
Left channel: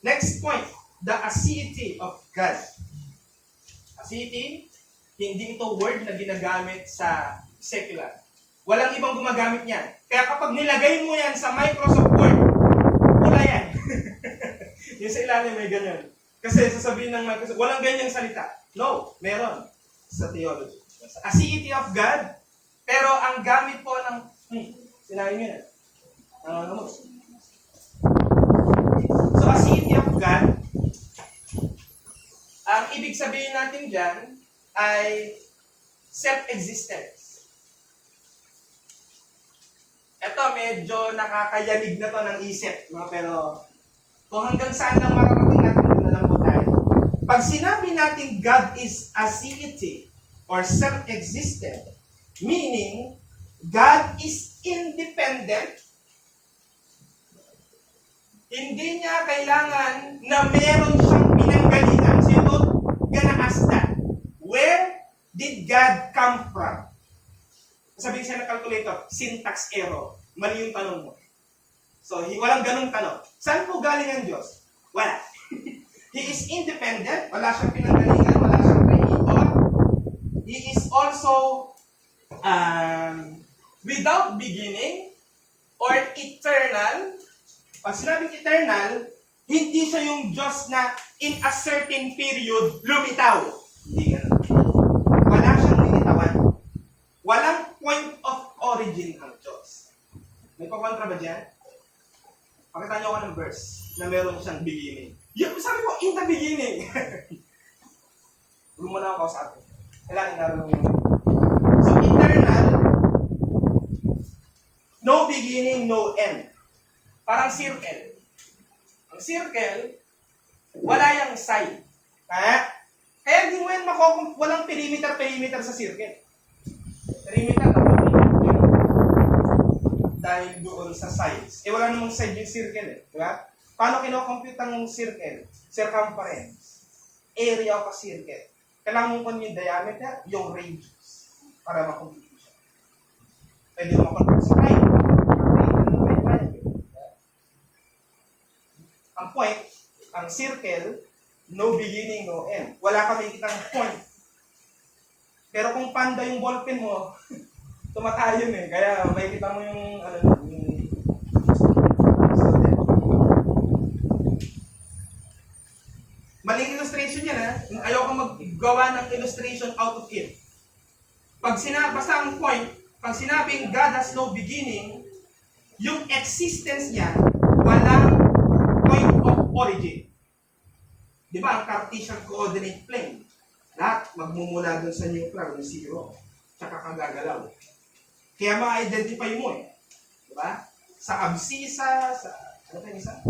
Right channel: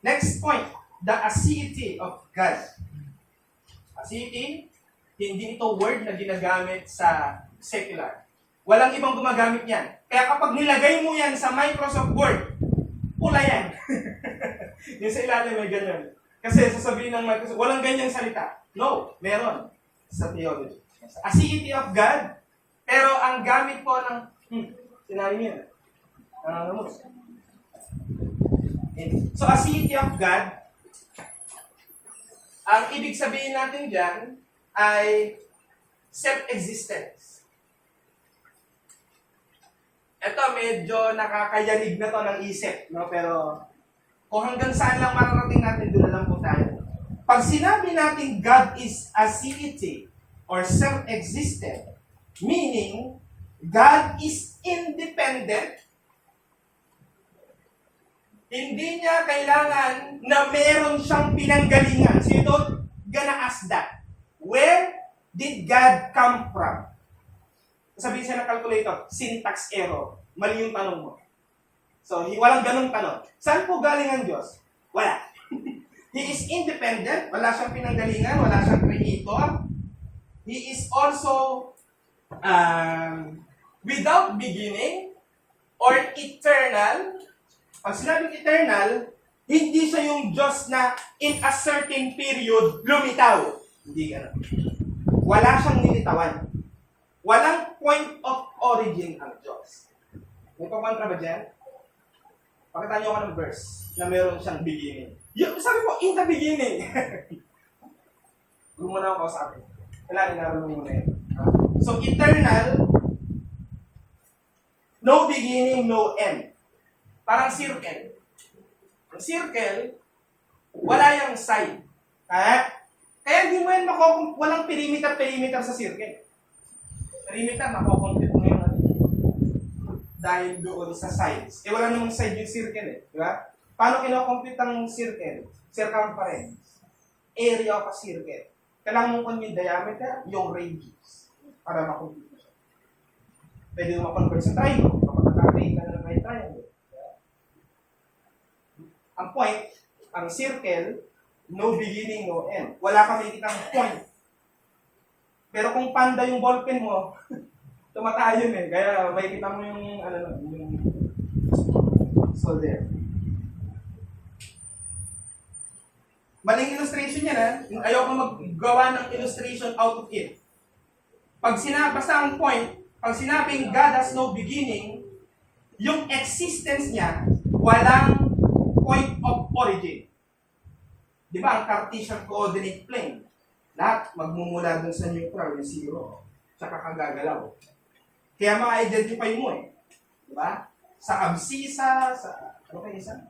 Next point, the aseity of God. Aseity, hindi ito word na ginagamit sa secular. Walang ibang gumagamit yan. Kaya kapag nilagay mo yan sa Microsoft Word, pula yan. Yung sa ilalim may ganyan. Kasi sasabihin ng Microsoft, walang ganyang salita. No, meron sa theology. Aseity of God, pero ang gamit po ng, sinabi niyo yan. So, aseity of God, ang ibig sabihin natin dyan ay self-existence. Ito, medyo nakakayanig na to ng isip, no? Pero kung hanggang saan lang mararating natin, doon na lang po tayo. Pag sinabi natin God is aseity or self-existent, meaning God is independent, hindi niya kailangan na meron siyang pinanggalingan. So you don't gonna ask that. Where did God come from? Sabihin siya ng calculator, syntax error. Mali yung tanong mo. So, walang ganung tanong. Saan po galing ang Diyos? Wala. He is independent. Wala siyang pinanggalingan. Wala siyang creator. He is also without beginning or eternal. Pag sinabing eternal, hindi siya yung Diyos na in a certain period lumitaw. Hindi ganun. Wala siyang limitawan. Walang point of origin ang Diyos. May pakontra ba dyan? Pakita niyo ako ng verse na meron siyang beginning. Yung, sabi ko, in the beginning. Gumuna ako sa atin. Kailangan naroon muna yun. So, eternal, no beginning, no end. Parang circle. Ang circle, wala yung side. Kaya hindi mo yan walang perimeter sa circle. Perimeter, nakukumpute mo yun. Dahil doon sa sides. Wala namang side yung circle eh. Diba? Paano kinocompute ang circle? Circumference. Area of a circle. Kailangan mo yung diameter, yung radius. Para makompute mo siya. Pwede mo convert sa triangle. Triangle. Ang point, ang circle, no beginning, no end. Wala kami kitang point. Pero kung panda yung ballpen mo, tumatayon eh. Kaya may kita mo yung, so there. Maling illustration yan ha. Ayoko maggawa ng illustration out of it. Basta ang point, pag sinabing God has no beginning, yung existence niya, walang point of origin. Di ba, ang Cartesian coordinate plane, lahat magmumula dun sa neutral, yung zero, tsaka kagagalaw. Kaya ma-identify mo eh. Di ba? Sa abscissa, ano kayo isa?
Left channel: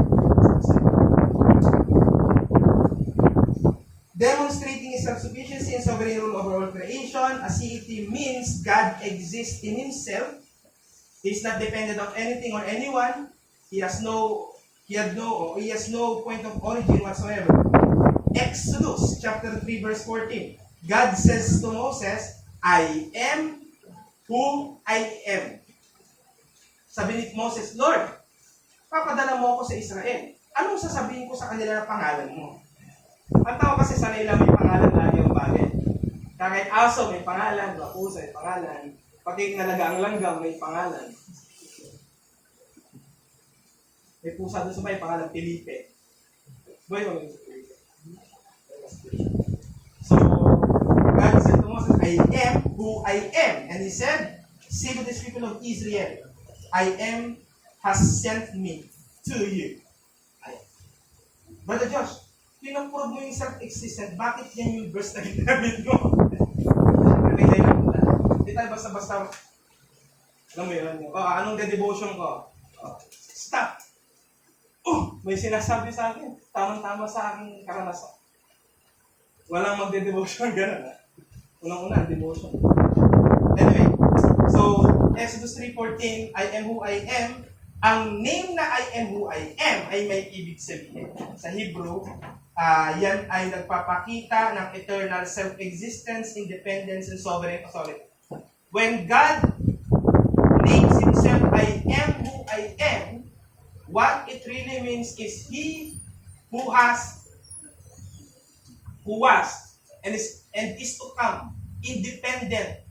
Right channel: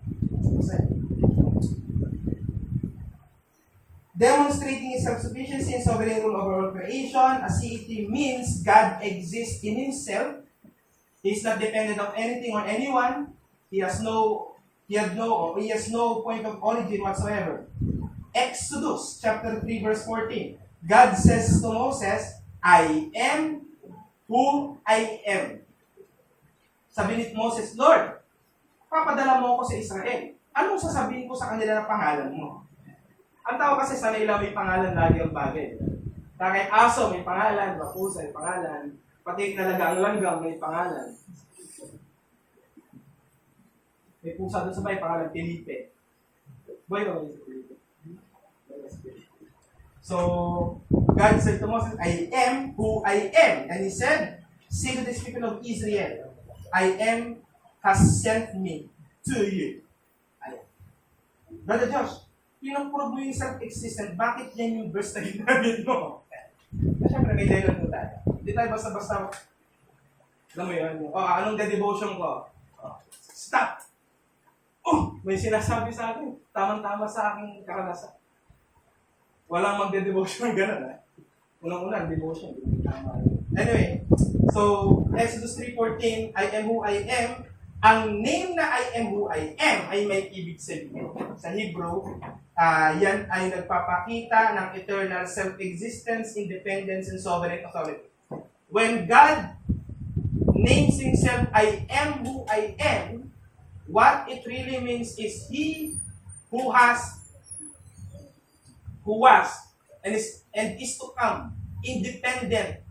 Demonstrating His self-sufficiency and sovereign rule over all creation, as it means God exists in Himself. He is not dependent on anything or anyone. He has no point of origin whatsoever. Exodus chapter 3 verse 14. God says to Moses, I am who I am. Sabi ni Moses, Lord, papadala mo ako sa Israel. Anong sasabihin ko sa kanila na pangalan mo? Ang tao kasi sa nila may pangalan lagi ang bagay. Kahit aso may pangalan, pusa may pangalan, pati nalagang langgam may pangalan. May pusa doon sa may pangalan, Felipe. Boy, no, Felipe. So, God said to Moses, I am who I am. And He said, say to these people of Israel, I am has sent me to you. Brother Josh, pinag-prove mo yung self-existent, bakit yan yung verse na ginamit mo? Siyempre may dahil lang mula. Hindi tayo basta-basta, alam mo yun, anong de-devotion ko? Stop! May sinasabi sa akin, tamang-tama sa aking karanasan. Walang magde-devotion, gano'n ha? Unang-una, devotion. Anyway, so, Exodus 3:14, I am who I am. Ang name na I am who I am ay may ibig sabihin. Sa Hebrew, yan ay nagpapakita ng eternal self-existence, independence, and sovereign authority. When God names Himself, I am who I am, what it really means is He who was, and is to come, independent,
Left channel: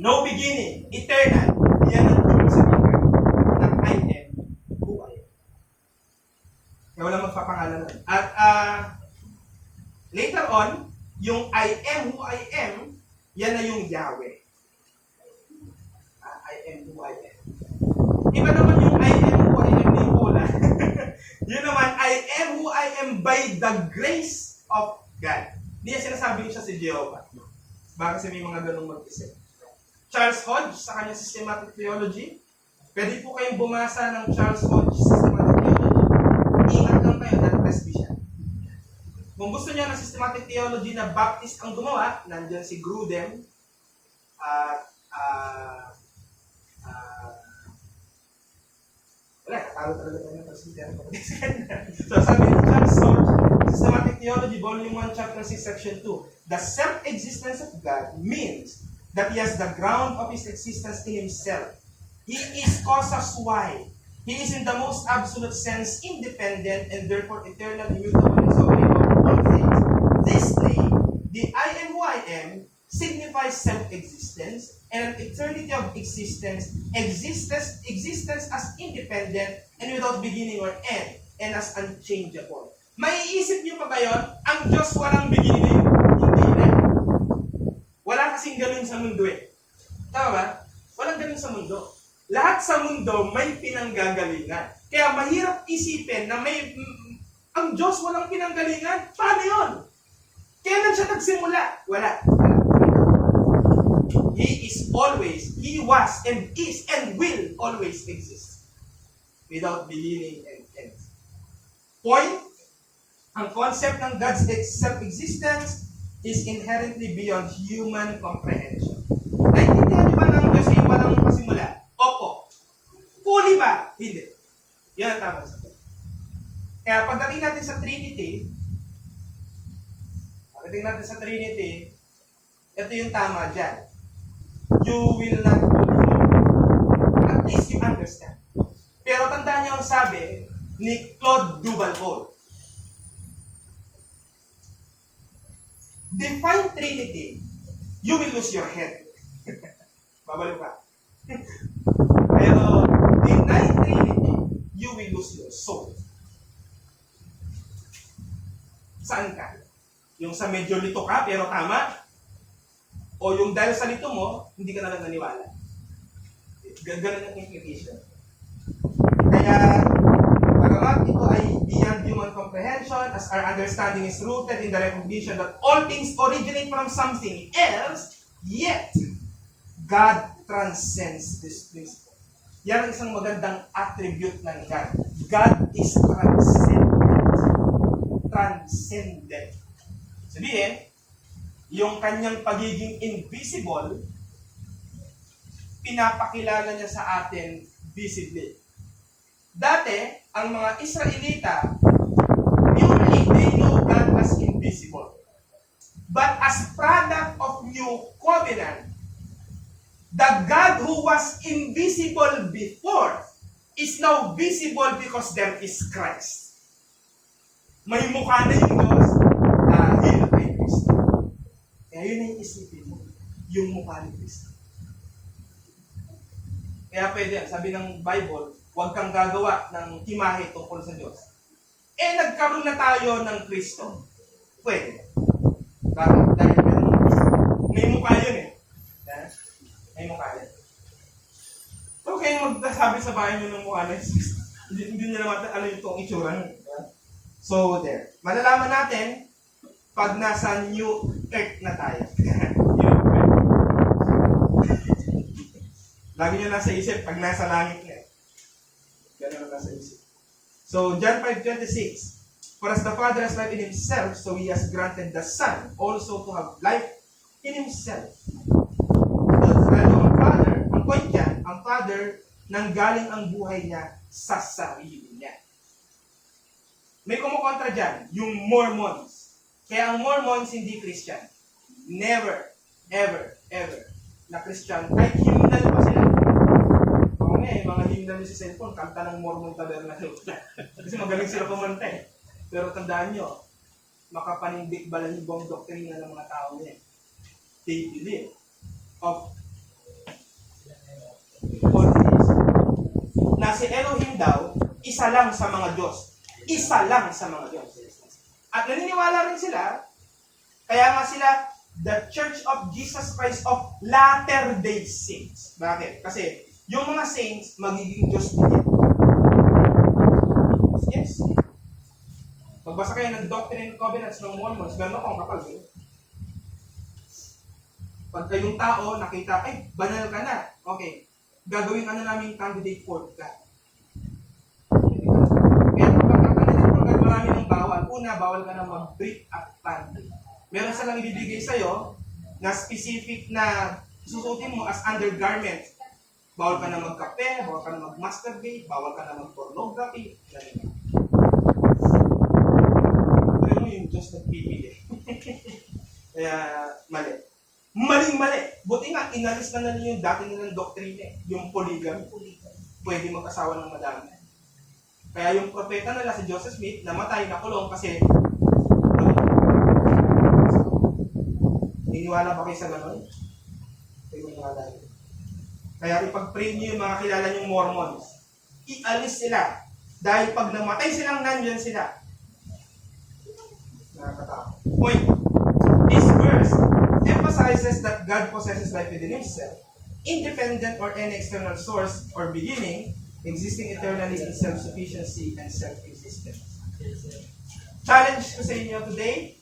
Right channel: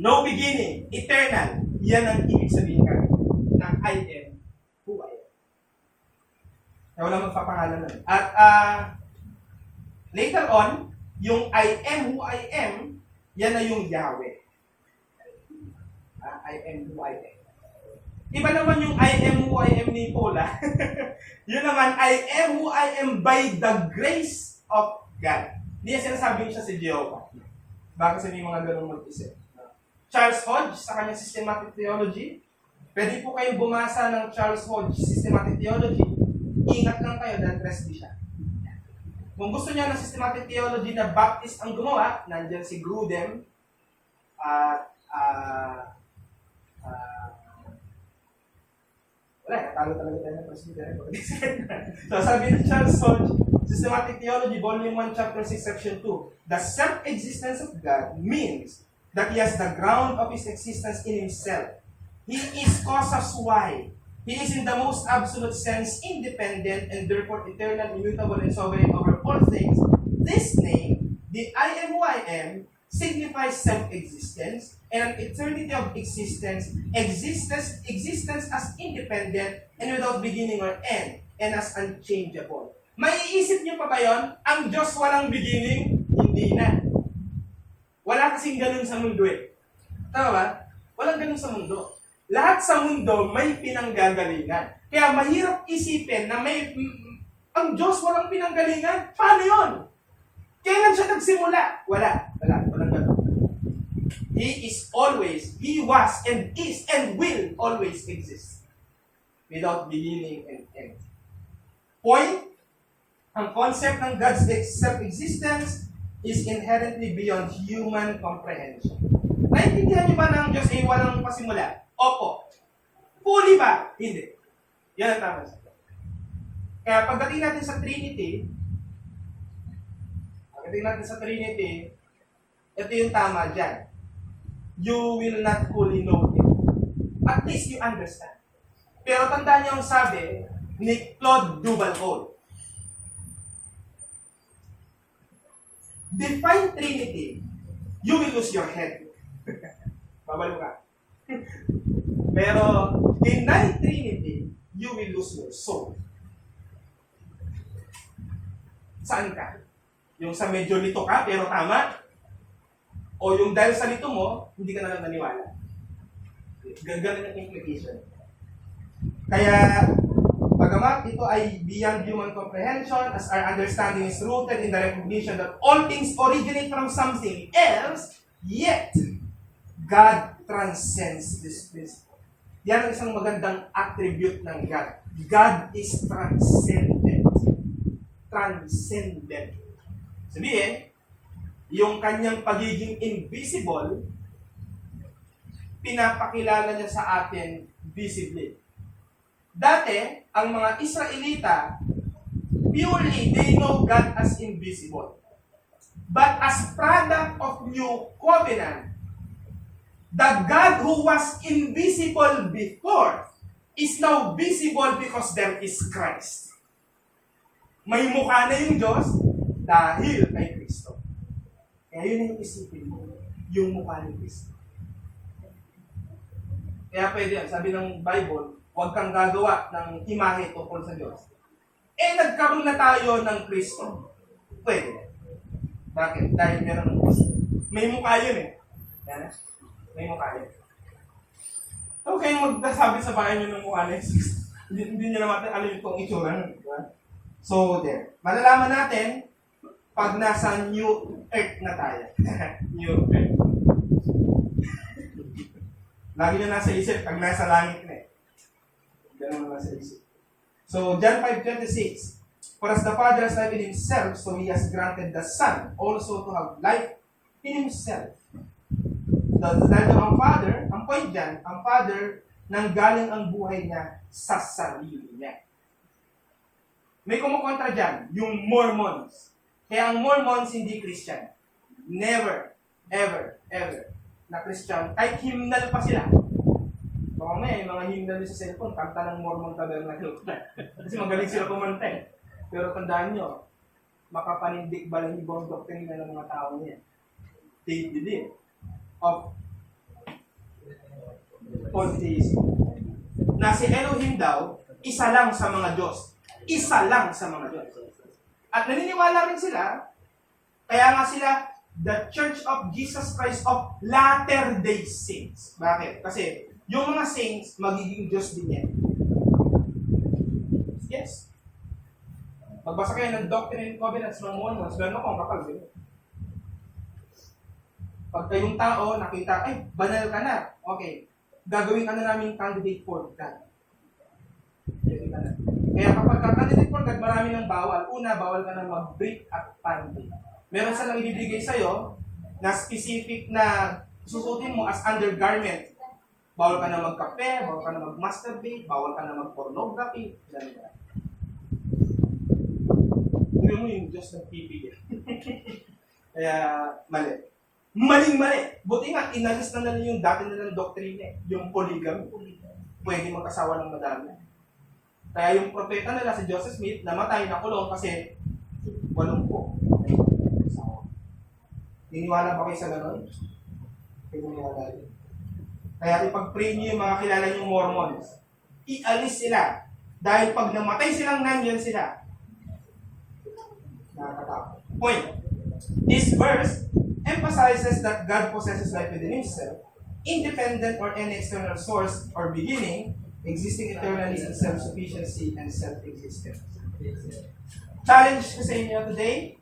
no beginning, eternal. Yan ang ibig sabihin ng I am who I am. Kaya wala magpapangalan nun. At later on, yung I am who I am, yan na yung Yahweh. I am who I am. Iba naman yung I am who I am ni Paula. Yun naman, I am who I am by the grace of God. Hindi yan sinasabi siya si Jehovah. Baka kasi may mga ganong mag-isip. Charles Hodge, sa kanyang systematic theology, pwede po kayong bumasa ng Charles Hodge systematic theology. Ingat lang kayo dahil presbyterian. Kung gusto niya ng systematic theology na Baptist ang gumawa, nandyan si Grudem at wala, katalo talaga tayo ng presbyterian. So sabi ni Charles Hodge, Systematic Theology, Volume 1, Chapter 6, Section 2, the self-existence of God means that He has the ground of His existence in Himself. He is causa sui. He is in the most absolute sense independent and therefore eternal, immutable, and sovereign over all things. This name, the I am who I am, signifies self-existence, and an eternity of existence as independent and without beginning or end, and as unchangeable. Maiisip niyo pa ba yun? Ang Diyos walang beginning? Hindi na. Wala kasing ganun sa mundo eh. Tama ba? Walang ganun sa mundo. Lahat sa mundo may pinanggagalingan. Kaya mahirap isipin na ang Diyos walang pinanggalingan. Paano yun? Kailan siya nagsimula? Wala. He is always, He was, and is, and will always exist. Without beginning and end. Point, ang concept ng God's self-existence is inherently beyond human comprehension. Naintindihan niyo ba ng Diyos ay walang pasimula? Opo. Fully ba? Hindi. Yan ang tamang sagot. Kaya pagdating natin sa Trinity, ito yung tama dyan. You will not fully know. At least you understand. Pero tandaan niyo ang sabi ni Claude Duval-Cole. Define Trinity, you will lose your head. Babalo ka. Pero deny Trinity, you will lose your soul. Saan ka? Yung sa medyo lito ka, pero tama? O yung dahil sa lito mo, hindi ka na lang naniwala? Ganun ang implication. Kaya, bagamat ito ay beyond human comprehension, as our understanding is rooted in the recognition that all things originate from something else, yet, God transcends this principle. Yan ang isang magandang attribute ng God. God is transcendent. Transcendent. Sabihin, yung kanyang pagiging invisible, pinapakilala niya sa atin visibly. Dati, ang mga Israelita, purely they know God as invisible. But as product of new covenant, the God who was invisible before is now visible because there is Christ. May mukha na yung Diyos dahil may Kristo. Kaya yun yung isipin mo, yung mukha ni Kristo. Kaya pwede yan, sabi ng Bible, huwag kang gagawa ng imahe tungkol sa Diyos. Nagkaroon na tayo ng Kristo. Pwede. Bakit? Dahil meron ng Kristo. May mukha yun eh. May mukha yun. So, kayong magsasabi sa bahay nyo ng mukha ni Jesus. Hindi nyo naman alam itong itsura nyo. So, there. Malalaman natin pag nasa new earth na tayo. New earth. Lagi nyo nasa isip pag nasa langit na eh. Ganun ang nasa isip. So, John 5:26. For as the Father has life in Himself, so He has granted the Son also to have life in Himself. Dahil ang Father, ang point dyan, ang Father, nanggaling ang buhay niya sa sarili niya. May kumukontra dyan, yung Mormons. Kaya ang Mormons hindi Christian. Never, ever, ever na Christian. Kahit hymnal pa sila. Baka may mga hymnal sa cellphone, kanta ng Mormon Tabernacle. Kasi magaling sila kumanta eh. Pero tandaan nyo, makapanindig balahibong doktrina ng mga tao niya. They believe of polytheism. Na si Elohim daw, isa lang sa mga Diyos. Isa lang sa mga Diyos. At naniniwala rin sila, kaya nga sila, the Church of Jesus Christ of Latter-day Saints. Bakit? Kasi yung mga saints, magiging Diyos din yan. Yes. Magbasa kayo ng Doctrine and Covenants ng Mormons, meron akong kapal din. Pag kayong tao, nakita, ay, banal ka na. Okay. Gagawin ka na namin candidate for God. Kaya kapag candidate for God, marami ng bawal. Una, bawal ka na mag-break at pandi. Meron silang ibibigay sa'yo na specific na susutin mo as undergarment. Bawal ka na magkape, bawal ka na mag-masturbate, bawal ka na mag-pornography. Ganun. Tuloy mo yung Diyos nagpipili. Kaya, mali. Maling-mali. Buti nga, inalis na nila yung dati nilang doktrine, yung polygamy. Pwede mag-asawa ng madami. Kaya yung propeta nila si Joseph Smith, namatay na kulong kasi Niniwala ba kayo sa ganon? Kayo maniwala yun. Kaya ipag-pray niyo yung mga kilala niyong Mormons. Ialis sila. Dahil pag namatay silang nandyan sila. Nakakatakot. Point. This verse emphasizes that God possesses life within Himself, independent or any external source or beginning, existing eternally in self-sufficiency and self-existence. Challenge ko sa inyo today,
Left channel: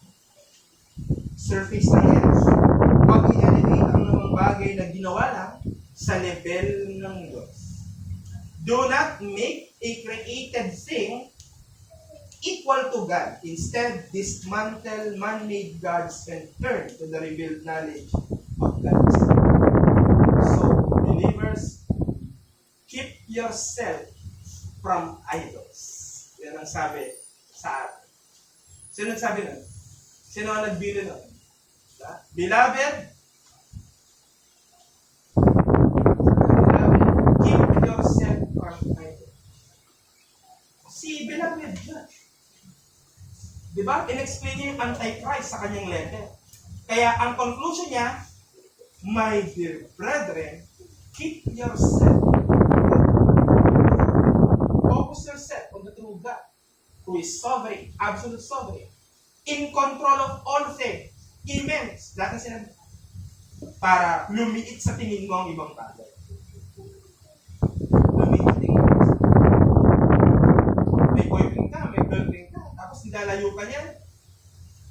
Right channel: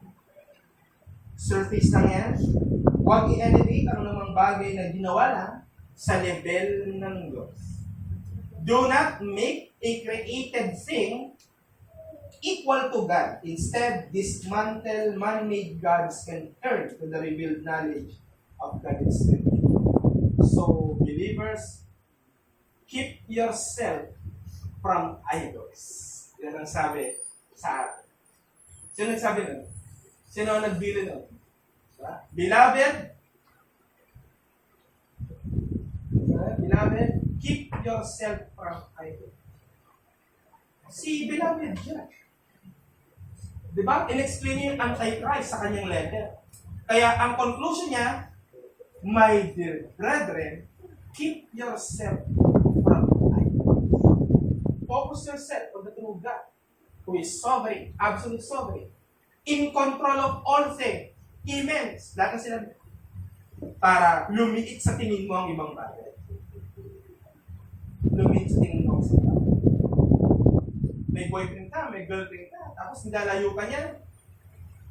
surface na yan. Huwag i-elevate ang mga bagay na ginawa lang sa level ng Diyos. Do not make a created thing equal to God. Instead, dismantle man-made gods and turn to the revealed knowledge of God. So, believers, keep yourself from idols. Yan ang sabi sa atin. Sino nagsabi nun? Sino ang nagbili nun? Beloved, keep yourself from idols. Si Beloved dyan. Diba? In-explain niya yung Antichrist sa kanyang letter. Kaya ang conclusion niya, my dear brethren, keep yourself. Focus yourself on the true God, who is sovereign, absolute sovereign, in control of all things, immense, lahat na sinabi, para lumiit sa tingin mo ang ibang bagay. Lumiit sa tingin mo. May boyfriend ka, may girlfriend ka, tapos nilalayo ka niya,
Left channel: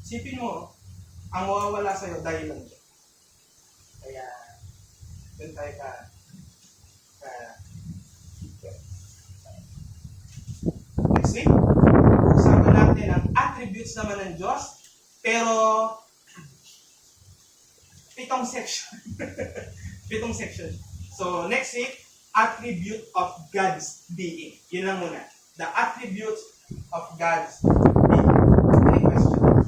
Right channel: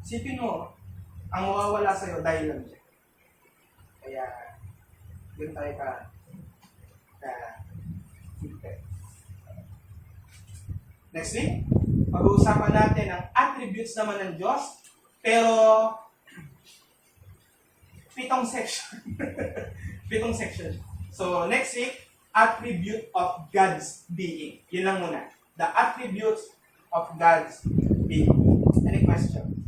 sipin mo, ang mawawala sa'yo dahil lang siya. Kaya, doon tayo ka next week, pag-uusapan natin ang attributes naman ng Diyos, pero 7 section. 7 section. So, next week, attribute of God's being. Yun lang muna. The attributes of God's being. Any question?